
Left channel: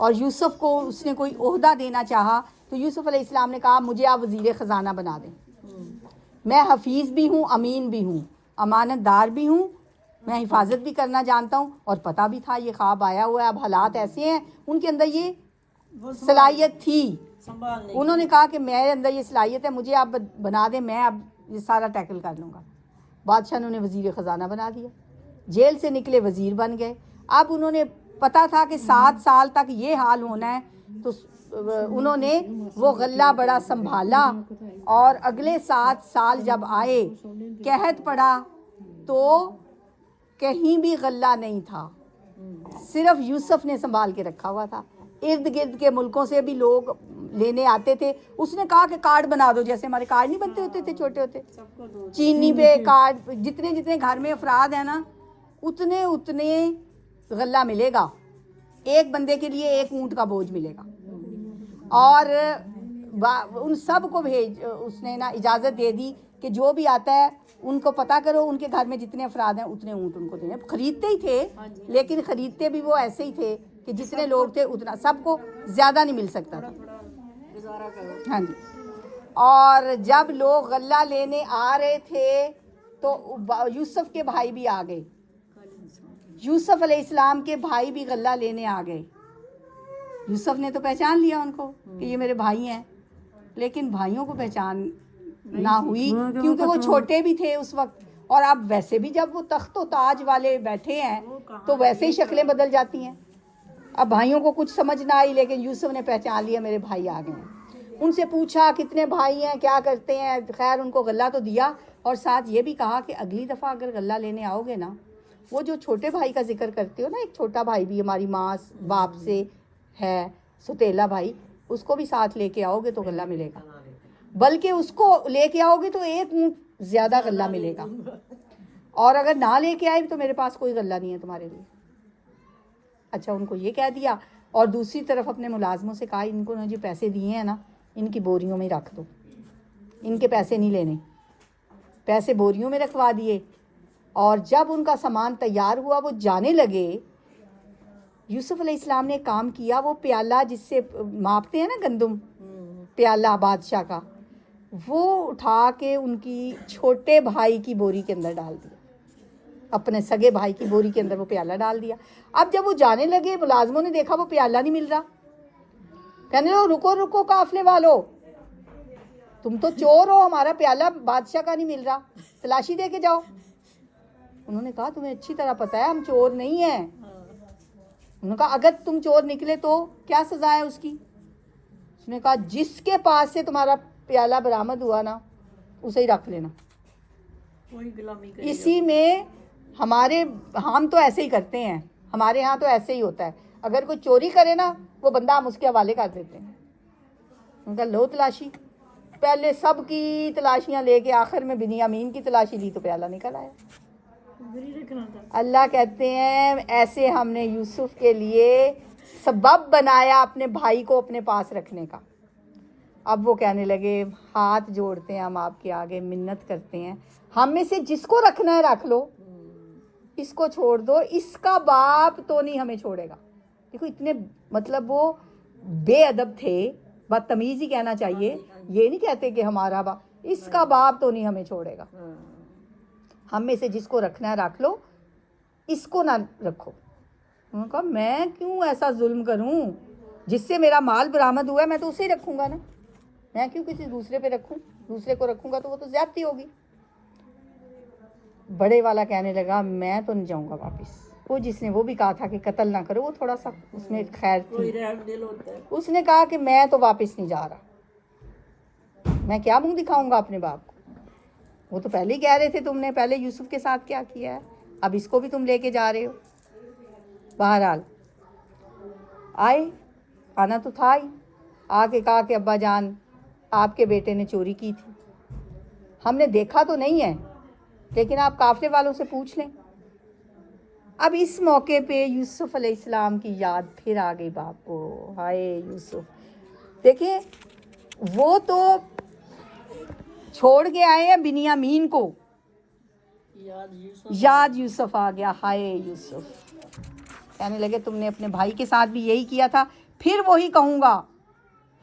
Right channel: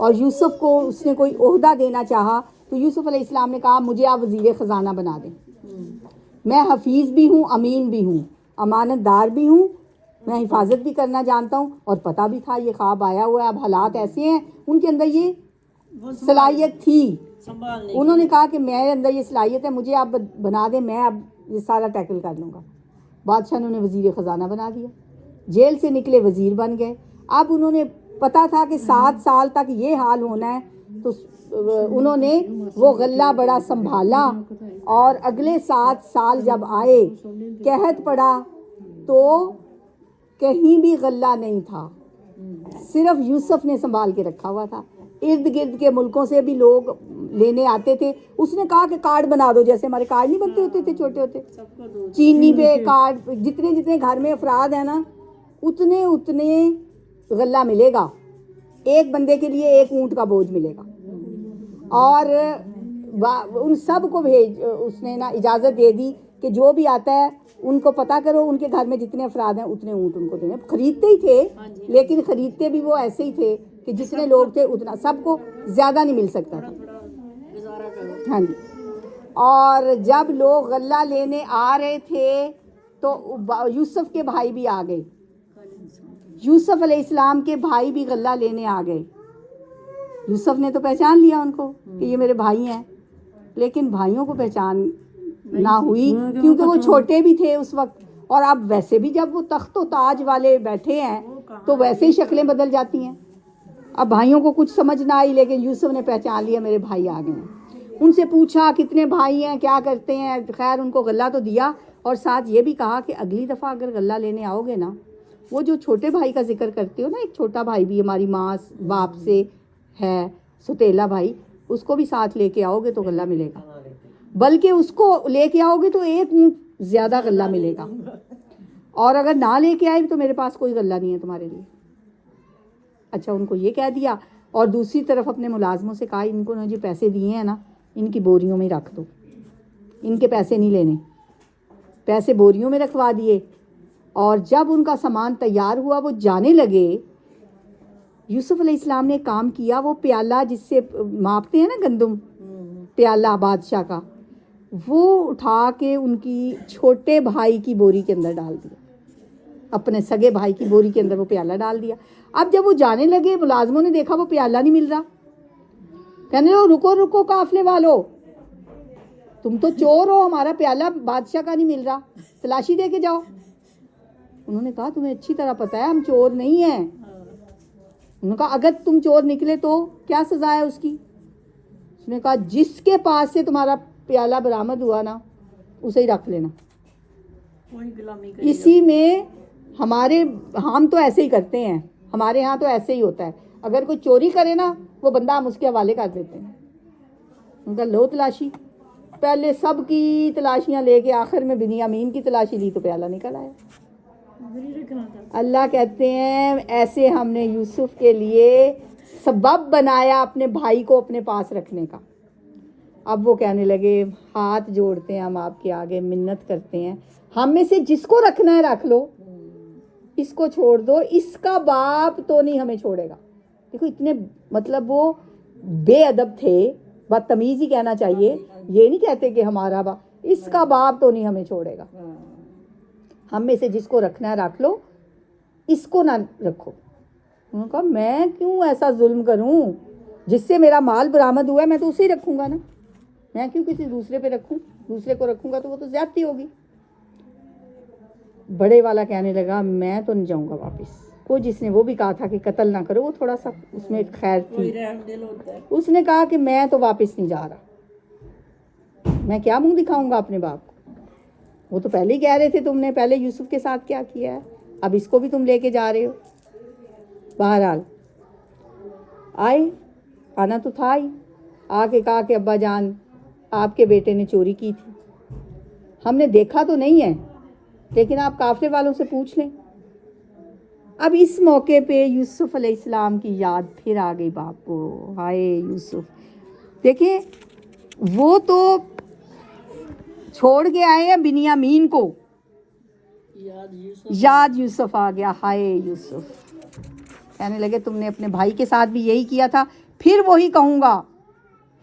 اور یوسف کو اس نے کوئی عہدہ دینا چاہا تو یوسف علیہ السلام نے کہا مجھے آپ وزیر خزانہ بنا دیں، میں حفیظ بھی ہوں، امین بھی ہوں، امانت دار بھی ہوں، میں حفاظت بھی کرنا جانتا ہوں، اور پتہ بھی تھا یہ خواب آیا ہوا ہے، اب حالات ایسے ہیں، ان کے اندر یہ صلاحیت تھی۔ سنبھالنے انہوں نے کہا کہ میرے اندر یہ صلاحیت ہے، مجھے آپ بنا دیں، میں اب یہ سارا ٹیکل کر لوں گا۔ بادشاہ نے انہیں وزیر خزانہ بنا دیا، جیل سے نکلے وزیر بن گئے۔ اب انہوں نے پتا تھا کہ 7 سال تک یہ حال ہونا ہے، تو انہوں نے وہ غلہ بڑا سنبھالا، اور اگلے 7 سال جب آئے قحط پڑا تو کہیں بھی غلہ نہیں تھا، صرف یوسف نے سنبھال کے رکھا ہوا تھا۔ ارد گرد کے ملکوں سے بھی لوگ لینے آتے تھے، اس نے کہا کہ کارڈ بنا دو، جیسے ہمارے کارڈ نہیں بنتے ہوتے تھے چھوٹے ہوتے، چینی پہ کارڈ، جتنے جتنے گھر میں افراد ہیں نا اتنے اتنے غلہ ملے گا، ایک بندے کے لیے 1 اونٹ کا بوجھ ملے گا، اور ان سب کو اس نے نا اجازت دے دی کہ جو بھی آتا ہے ان کو پتہ کرو ان کے گھر میں جتنے افراد ہیں اتنے اونٹ ان کو دیں۔ خریدتے ہی تھے، لیکن خریدتے بھی وہ ایسے ہی تھے کہ جتنے لوگ تھے اتنا، سب کو زیادہ نہیں مل سکتا تھا۔ ہاں جی، اور جب لوگ غلہ لینے آ رہے تھے تو یوسف کے بھائی بھی آ گئے، یوسف علیہ السلام کے بھائی بھی غلہ لینے آ گئے۔ یوسف نے تو پہچان لیا ان کو کہ یہ میرے بھائی ہیں، لیکن بھائیوں کو پہچان نہ ہوئی کیونکہ وہ چھوٹے بھی تھے اس وقت، اور اب ویسے بھی جب وہ تخت و تاج والے بیٹھے ہیں تو ویسے ہی شکلیں بدل جاتی ہیں۔ اب بھائیوں کو کچھ سمجھ نہ آئی، لیکن یوسف نے پہچان لیا میرے بھائی آ گئے۔ ان سے پوچھا کتنے بھائی ہیں، کیا کرتے ہیں، خیر ان کو غلہ تو دیا، اور ساتھ یہ بھی کہا کہ اگلی دفعہ اگر غلہ لینے آؤ گے نا، وہ جو چھوٹے بھائی کا ذکر کرتے ہو نا، ایک چھوٹا بھائی بھی ہماری ماں باپ سے ہے، ستیلا بھائی، اس کو بھی ساتھ لے کے آؤ گے تو غلہ ملے گا، بلکہ اس کو لے کے آؤ گے تو 1 اونٹ زیادہ غلہ ملے گا، اور اگر نہ لے کے آئے تو میرے پاس کوئی غلہ نہیں ہے تمہارے لیے۔ اچھا، ان کو یہ کہہ دیا، اور دوسری طرف اپنے ملازموں سے کہا ان کو جو پیسے دیے ہیں نا ان کی بوریوں میں رکھ دو، ان کے پیسے نہیں لینے، پیسے بوریوں میں رکھوا دیے۔ اور جب ان کا سامان تیار ہوا وہ جانے لگے، یوسف علیہ السلام نے کام کیا، وہ پیالہ جس سے ماپتے ہیں نا گندم، پیالہ بادشاہ کا، وہ اٹھا کے ان کی چھوٹے بھائی کی بوری کے اندر ڈال دیا، اپنے سگے بھائی کی بوری کے اندر وہ پیالہ ڈال دیا۔ اب جب وہ جانے لگے ملازموں نے دیکھا وہ پیالہ نہیں مل رہا، کہنے لگا رکو رکو قافلے والو، تم تو چور ہو، ہمارا پیالہ بادشاہ کا نہیں مل رہا، تلاشی دے کے جاؤ۔ انہوں نے کہا تمہیں اچھی طرح پتہ ہے ہم چور نہیں ہیں۔ انہوں نے کہا اگر تم چور نکلے تو کیا سزا ہے اس کی؟ اس نے کہا جس کے پاس سے تمہارا پیالہ برآمد ہوا نا اسے ہی رکھ لینا۔ اسی میں ہم تو ایسے ہی کرتے ہیں، ہمارے ہاں تو ایسے ہی ہوتا ہے، اگر کوئی چوری کرے نا وہ بندہ ہم اس کے حوالے کر دیتے ہیں۔ ان کا لو تلاشی، پہلے سب کی تلاشیاں لے کے آخر میں بنیامین کی تلاشی لی تو پیالہ نکل آیا۔ اللہ کہتے ہیں ایسے ہم نے یوسف کے لیے سبب بنایا اپنے بھائی کو اپنے پاس رکھنے کا۔ اب وہ کہنے لگے ہاتھ جوڑتے ہیں ہم آپ کے آگے، منت کرتے ہیں، ہم میں سے جس کو رکھنا ہے رکھ لو، اس کو چھوڑ دو، اس کا باپ تو نہیں ہمیں چھوڑے گا۔ دیکھو اتنے مطلب وہ بے ادب تھے، بدتمیز ہی کہنا چاہیے، یہ نہیں کہتے کہ ہمارا باپ، اس کا باپ تو نہیں ہمیں چھوڑے گا، ہم میں سے جس کو رکھنا ہے رکھ لو، اس کو نہ رکھو۔ انہوں نے کہا میں کیوں ایسا ظلم کروں، جس سے میرا مال برآمد ہوا ہے میں تو اسے ہی رکھوں گا نا، میں کیوں کسی دوسرے پہ رکھوں، دوسرے کو رکھوں گا تو وہ تو زیادتی ہوگی۔ بڑے والا کہنے لگا میں تو نہیں جاؤں گا واپس۔ وہ جس نے وہ بھی کہا تھا کہ قتل نہ کرو، وہ تھوڑا سا اس میں خیر تھی، اس نے کہا کہ میں تو واپس نہیں جا رہا، میں کیا منہ دکھاؤں گا اپنے باپ کو، وہ تو پہلے ہی کہہ رہے تھے تم نے پہلے یوسف کے ساتھ کیا کیا ہے، اب اس کو بھی تم لے کے جا رہے ہو۔ بہرحال آئے، آنا تو تھا ہی، آ کے کہا کہ ابا جان آپ کے بیٹے نے چوری کی تھی، ہم نے دیکھا تو نہیں ہے لیکن آپ قافلے والوں سے پوچھ لیں۔ اب اس موقع پہ یوسف علیہ السلام کی یاد پھر آ گئی باپ کو، ہائے یوسف، دیکھیں وہ تو چھوڑ کے آئے ہیں بنیامین کو، یاد یوسف آ گیا، ہائے یوسف، کہنے لگے تم نے اپنے بھائی کے ساتھ بھی یہی کیا تھا، پھر وہی کہوں گا،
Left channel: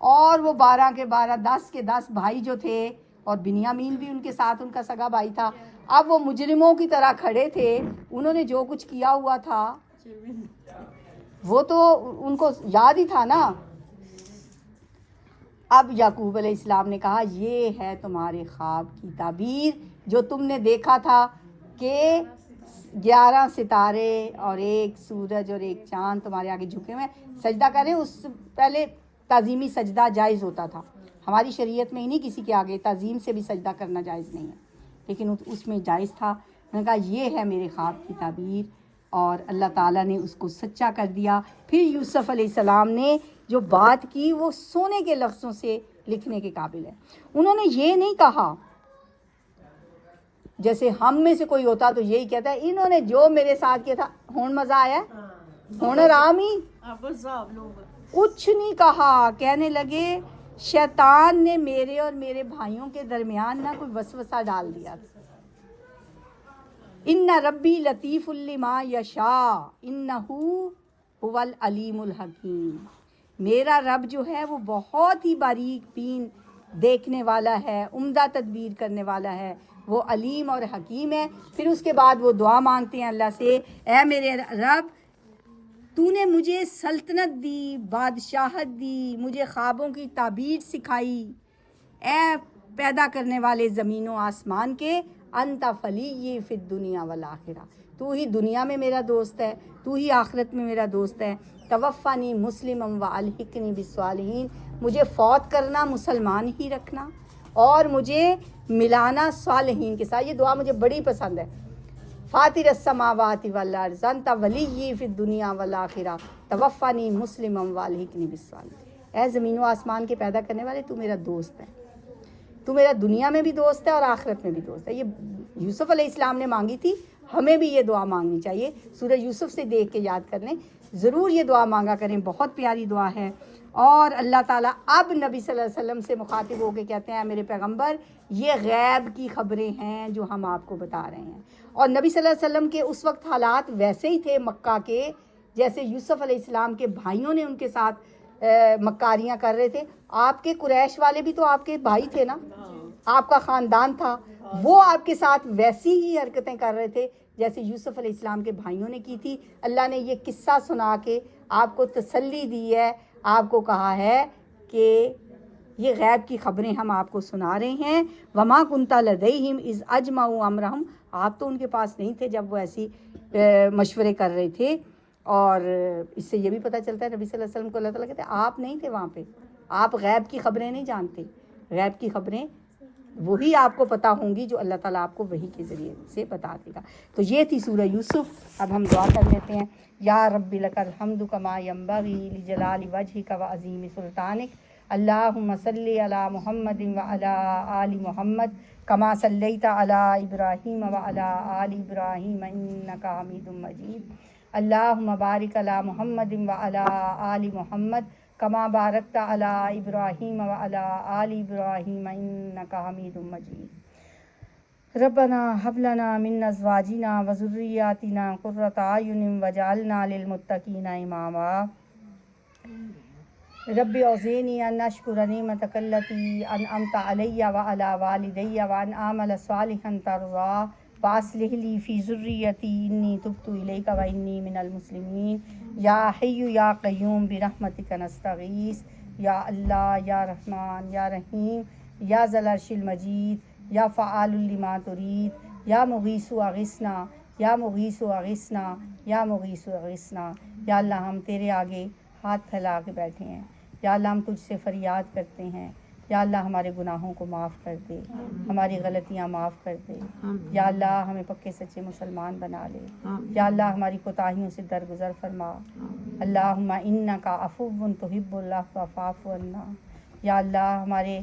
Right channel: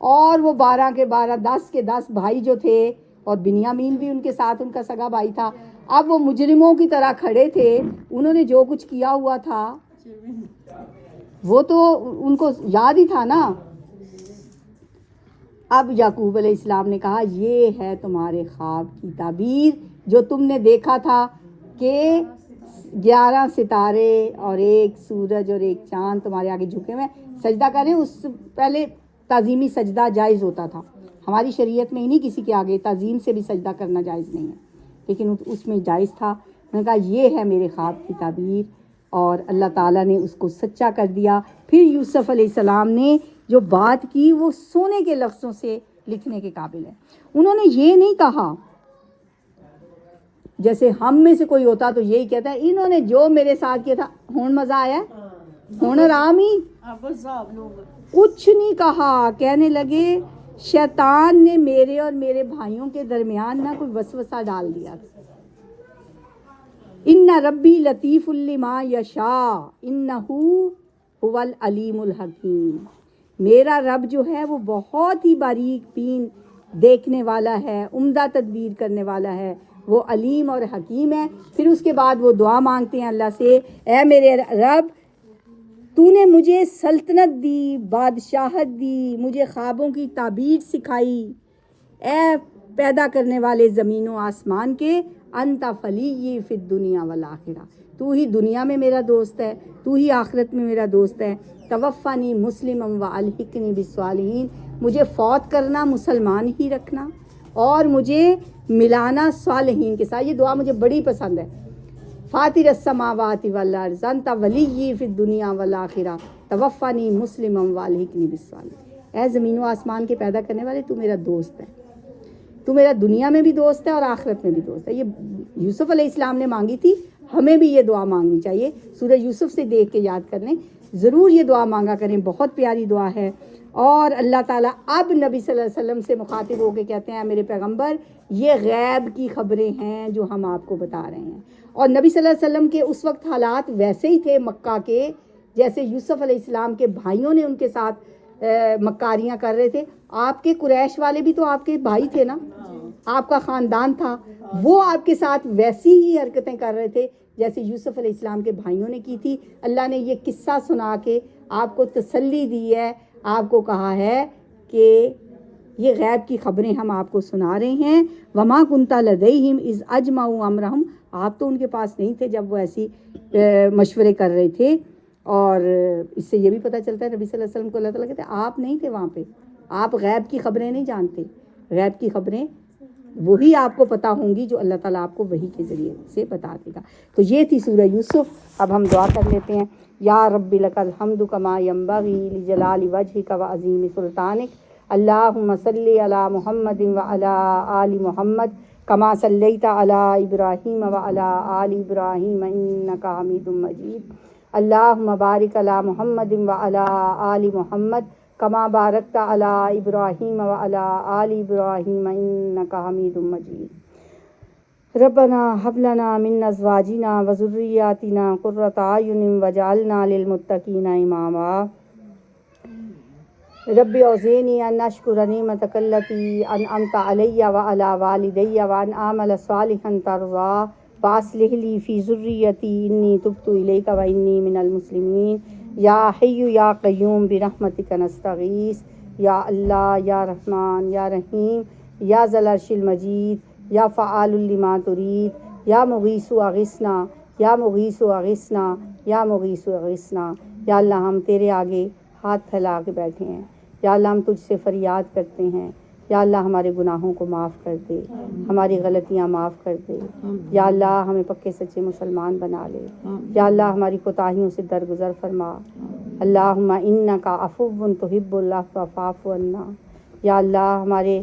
اور وہ 12 کے 12 10 کے 10 بھائی جو تھے اور بنیامین بھی ان کے ساتھ ان کا سگا بھائی تھا. اب وہ مجرموں کی طرح کھڑے تھے. انہوں نے جو کچھ کیا ہوا تھا وہ تو ان کو یاد ہی تھا نا. اب یعقوب علیہ السلام نے کہا یہ ہے تمہارے خواب کی تعبیر جو تم نے دیکھا تھا کہ 11 ستارے اور ایک سورج اور ایک چاند تمہارے آگے جھکے ہوئے سجدہ کریں. اس پہلے تعظیمی سجدہ جائز ہوتا تھا. ہماری شریعت میں ہی نہیں کسی کے آگے تعظیم سے بھی سجدہ کرنا جائز نہیں ہے, لیکن اس میں جائز تھا. میں نے کہا یہ ہے میرے خواب کی تعبیر, اور اللہ تعالیٰ نے اس کو سچا کر دیا. پھر یوسف علیہ السلام نے جو بات کی وہ سونے کے لفظوں سے لکھنے کے قابل ہے. انہوں نے یہ نہیں کہا جیسے ہم میں سے کوئی ہوتا تو یہی کہتا ہے انہوں نے جو میرے ساتھ کیا تھا ہون مزہ آیا, ہون رام ہی, کچھ نہیں کہا. کہنے لگے شیطان نے میرے اور میرے بھائیوں کے درمیان نہ کوئی وسوسہ ڈال دیا. ان ربی لطیف لما یشاء انہ هو العلیم الحکیم. میرا رب جو ہے وہ بہت ہی باریک بین دیکھنے والا ہے, عمدہ تدبیر کرنے والا ہے, وہ علیم اور حکیم ہے. پھر اس کے بعد وہ دعا مانگتے ہیں اللہ سے, اے میرے رب تو نے مجھے سلطنت دی, بادشاہت دی, مجھے خوابوں کی تعبیر سکھائی. اے پیدا کرنے والے زمین و آسمان کے, انت فلی فی الدنیا والآخرہ, تو ہی دنیا میں میرا دوست ہے, تو ہی آخرت میں میرا دوست ہے. توفنی مسلما والحقنی بالصالحین, مجھے فوت کرنا مسلمان ہی رکھنا اور مجھے ملانا صالحین کے ساتھ. یہ دعا مجھے بڑی پسند ہے. فاطر السماوات والارض انت ولی فی الدنیا والآخرہ توفنی مسلما والحقنی بالصالحین. اے زمین و آسمان کے پیدا کرنے والے تو میرا دوست ہے, تو میرا دنیا میں بھی دوست ہے اور آخرت میں بھی دوست ہے. یہ یوسف علیہ السلام نے مانگی تھی, ہمیں بھی یہ دعا مانگنی چاہیے. سورہ یوسف سے دیکھ کے یاد کر لیں, ضرور یہ دعا مانگا کریں, بہت پیاری دعا ہے. اور اللہ تعالیٰ اب نبی صلی اللہ علیہ وسلم سے مخاطب ہو کے کہتے ہیں میرے پیغمبر یہ غیب کی خبریں ہیں جو ہم آپ کو بتا رہے ہیں. اور نبی صلی اللہ علیہ وسلم کے اس وقت حالات ویسے ہی تھے مکہ کے جیسے یوسف علیہ السلام کے بھائیوں نے ان کے ساتھ مکاریاں کر رہے تھے. آپ کے قریش والے بھی تو آپ کے بھائی تھے نا, آپ کا خاندان تھا, وہ آپ کے ساتھ ویسی ہی حرکتیں کر رہے تھے جیسے یوسف علیہ السلام کے بھائیوں نے کی تھی. اللہ نے یہ قصہ سنا کے آپ کو تسلی دی ہے, آپ کو کہا ہے کہ یہ غیب کی خبریں ہم آپ کو سنا رہے ہیں. وما کنت لدیہم اذ اجمعوا امرہم, آپ تو ان کے پاس نہیں تھے جب وہ ایسی مشورے کر رہے تھے. اور اس سے یہ بھی پتہ چلتا ہے نبی صلی اللہ علیہ وسلم کو اللہ تعالیٰ کہتے ہیں آپ نہیں تھے وہاں پہ, آپ غیب کی خبریں نہیں جانتے. غیب کی خبریں وہی آپ کو پتہ ہوں گی جو اللہ تعالیٰ آپ کو وحی کے ذریعے سے بتا دے گا. تو یہ تھی سورہ یوسف. اب ہم دعا کر لیتے ہیں. یا رب لک الحمد کما ینبغی لجلال وجہک وعظیم سلطانک. اللہم صلی علی محمد وعلی آل محمد کما صلیت علی ابراہیم وعلی آل ابراہیم انک حمید مجید. اللہم بارک علی محمد وعلی آل محمد کما بارکت علی ابراہیم وعلی آل ابراہیم انک حمید مجید. ربنا هب لنا من ازواجنا وذرياتنا قرة اعین واجعلنا للمتقین اماما. رب اوزعنی ان اشکر نعمتک التی انعمت علی وعلی والدی وان اعمل صالحا ترضاه واصلح لی فی ذریتی انی تبت الیک وانی من المسلمین. یا حی یا قیوم برحمتک نستغیث. یا اللہ یا رحمان یا رحیم یا ذی العرش المجید یا فعال لما ترید. یا مغیث اغثنا یا مغیث اغثنا یا مغیث اغثنا. یا اللہ ہم تیرے آگے ہاتھ پھیلا کے بیٹھے ہیں. یا اللہ ہم تجھ سے فریاد کرتے ہیں. یا اللہ ہمارے گناہوں کو معاف کر دے, ہماری غلطیاں معاف کر دے. یا اللہ ہمیں پکے سچے مسلمان بنا لے. یا اللہ ہماری کوتاہیوں سے درگزر فرما. اللہم انکا عفو تحب العفو فاعف عنا. یا اللہ ہمارے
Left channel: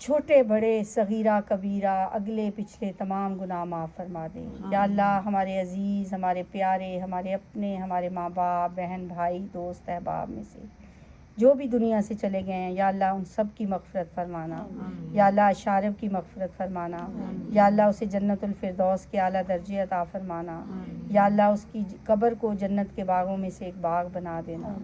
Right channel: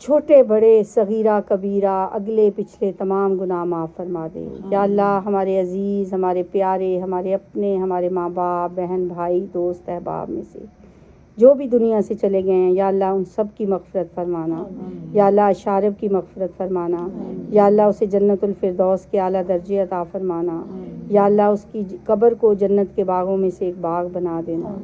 چھوٹے بڑے صغیرہ کبیرہ اگلے پچھلے تمام گناہ معاف فرما دے. یا اللہ ہمارے عزیز, ہمارے پیارے, ہمارے اپنے, ہمارے ماں باپ, بہن بھائی, دوست احباب میں سے جو بھی دنیا سے چلے گئے ہیں یا اللہ ان سب کی مغفرت فرمانا. یا اللہ شارب کی مغفرت فرمانا. یا اللہ اسے جنت الفردوس کے اعلیٰ درجے عطا فرمانا. یا اللہ اس کی قبر کو جنت کے باغوں میں سے ایک باغ بنا دینا.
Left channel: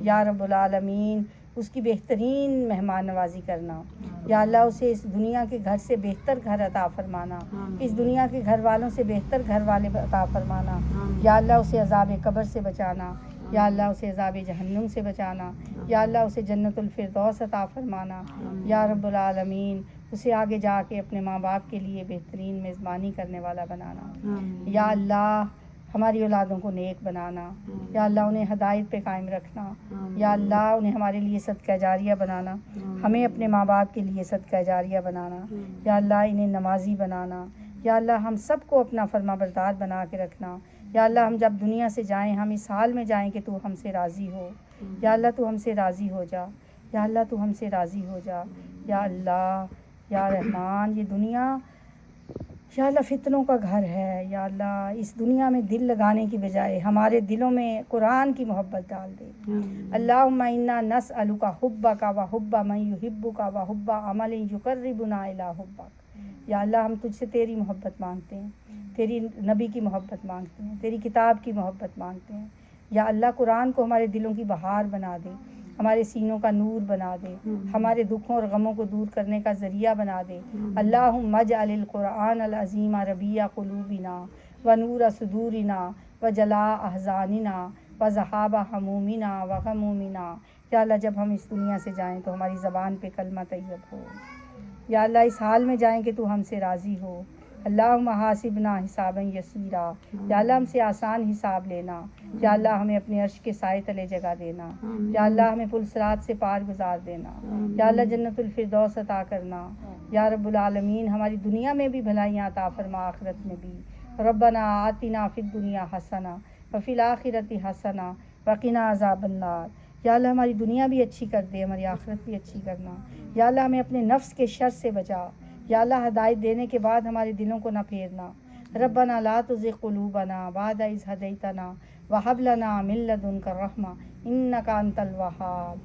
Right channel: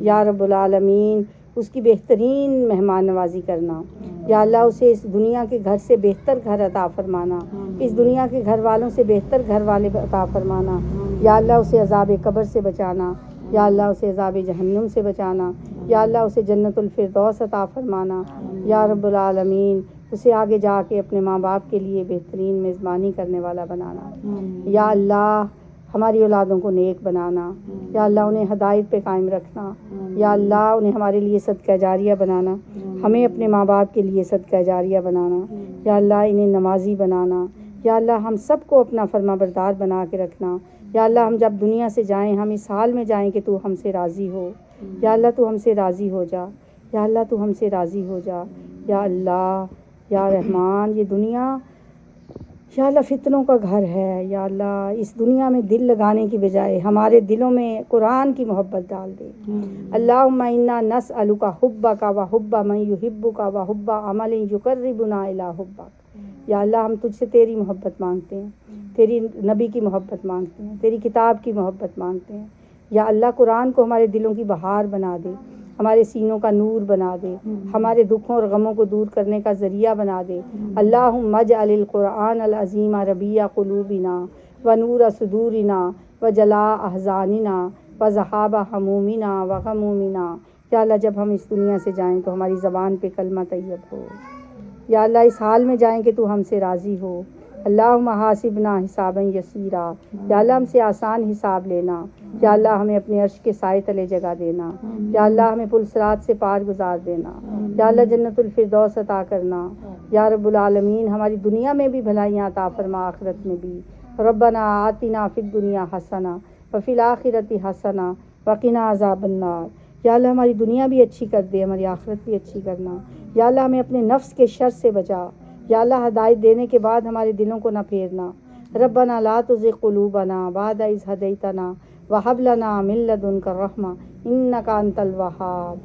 یا رب العالمین اس کی بہترین مہمان نوازی کرنا. یا اللہ اسے اس دنیا کے گھر سے بہتر گھر عطا فرمانا, اس دنیا کے گھر والوں سے بہتر گھر والے عطا فرمانا. یا اللہ اسے عذاب قبر سے بچانا. یا اللہ اسے عذاب جہنم سے بچانا. یا اللہ اسے جنت الفردوس عطا فرمانا. یا رب العالمین اسے آگے جا کے اپنے ماں باپ کے لیے بہترین میزبانی کرنے والا بنانا. یا اللہ ہماری اولادوں کو نیک بنانا. یا اللہ انہیں ہدایت پہ قائم رکھنا. یا اللہ انہیں ہمارے لیے صدقہ جاریہ بنانا, ہمیں اپنے ماں باپ کے لیے صدقہ جاریہ بنانا. یا اللہ انہیں نمازی بنانا. یا اللہ ہم سب کو اپنا فرما بردار بنا کے رکھنا. یا اللہ ہم جب دنیا سے جائیں ہم اس حال میں جائیں کہ تو ہم سے راضی ہو. یا اللہ تو ہم سے راضی ہو جا. یا اللہ تو ہم سے راضی ہو جا. یا اللہ یا رحمان یہ دنیا یا اللہ فتنوں کا گھر ہے. یا اللہ اس دنیا میں دل لگانے کی بجائے ہمارے دلوں میں قرآن کی محبت ڈال دے. اللہم انا نسألک حبک و حب من یحبک و حب عمل یقربنا الی حبک. یا اللہ ہم تجھ سے تیری محبت مانگتے ہیں, تیری نبی کی محبت مانگتے ہیں, تیری کتاب کی محبت مانگتے ہیں. یا اللہ قرآن کو ہمارے دلوں کی بہار بنا دے, ہمارے سینوں کا نور بنا دے, ہمارے دکھوں اور غموں کو دور کرنے کا ذریعہ بنا دے. اللہم اجعل القرآن العظیم ربیع قلوبنا و نور صدورنا و جلاء احزاننا و ذہاب ہمومنا و غمومنا. یا اللہ جب ہم اس دنیا سے جائیں تو ہماری زبان پہ کلمہ طیب ہو. یا اللہ اس حال میں جائیں کہ تو ہم سے راضی ہو. اللہم حاسبنا حسابا یسیرا. یا اللہ ہم سے آسان حساب لینا. یا اللہ ہمیں اپنے عرش کے سائے تلے جگہ دینا. یا اللہ ہمیں پل صراط سے پار گزار دینا. یا اللہ جنت الفردوس عطا کرنا. یا رب العالمین ہماری دنیا میں بھی بھلائیاں عطا فرما, آخرت میں بھی. ربنا آتنا فی الدنیا حسنہ وفی الآخرۃ حسنہ وقنا عذاب النار. یا اللہ ہماری دنیا بھی اچھی کر دے, ہماری آخرت بھی اچھی کرنا. یا اللہ ہمیں اپنے نفس کے شر سے بچا. یا اللہ ہدایت دینے کے بعد ہمارے دلوں کو نہ پھیرنا. ربنا لا تزغ قلوبنا بعد اذ ہدیتنا وہب لنا من لدنک الرحمہ انک انت الوہاب.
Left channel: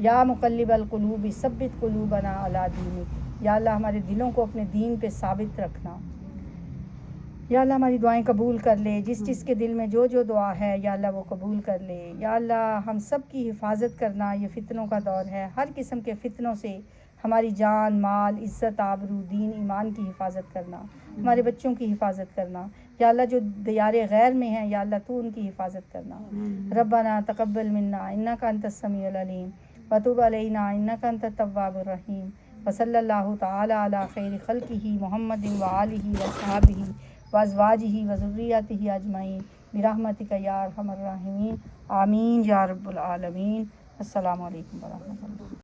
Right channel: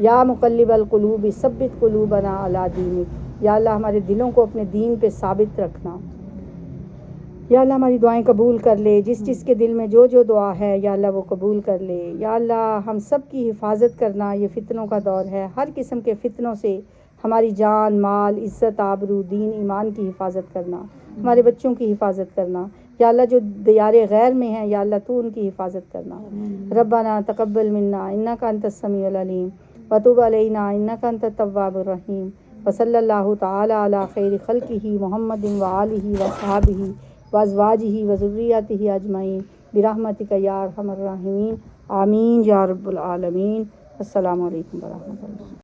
یا مقلب القلوب ثبت قلوبنا علی دینک. یا اللہ ہمارے دلوں کو اپنے دین پہ ثابت رکھنا. یا اللہ ہماری دعائیں قبول کر لے, جس کے دل میں جو دعا ہے یا اللہ وہ قبول کر لے. یا اللہ ہم سب کی حفاظت کرنا, یہ فتنوں کا دور ہے, ہر قسم کے فتنوں سے ہماری جان مال عزت آبرو دین ایمان کی حفاظت کرنا, ہمارے بچوں کی حفاظت کرنا. یا اللہ جو دیار غیر میں ہیں یا اللہ تو ان کی حفاظت کرنا. ربنا تقبل منا انک انت السمیع العلیم وتب علینا انک انت التواب الرحیم. وصلی اللہ تعالی علی خیر خلقہ محمد وآلہ وصحبہ وازواجہ وذریاتہ اجمعین برحمتک یا ارحم الراحمین. آمین یا رب العالمین. السلام علیکم ورحمۃ اللہ.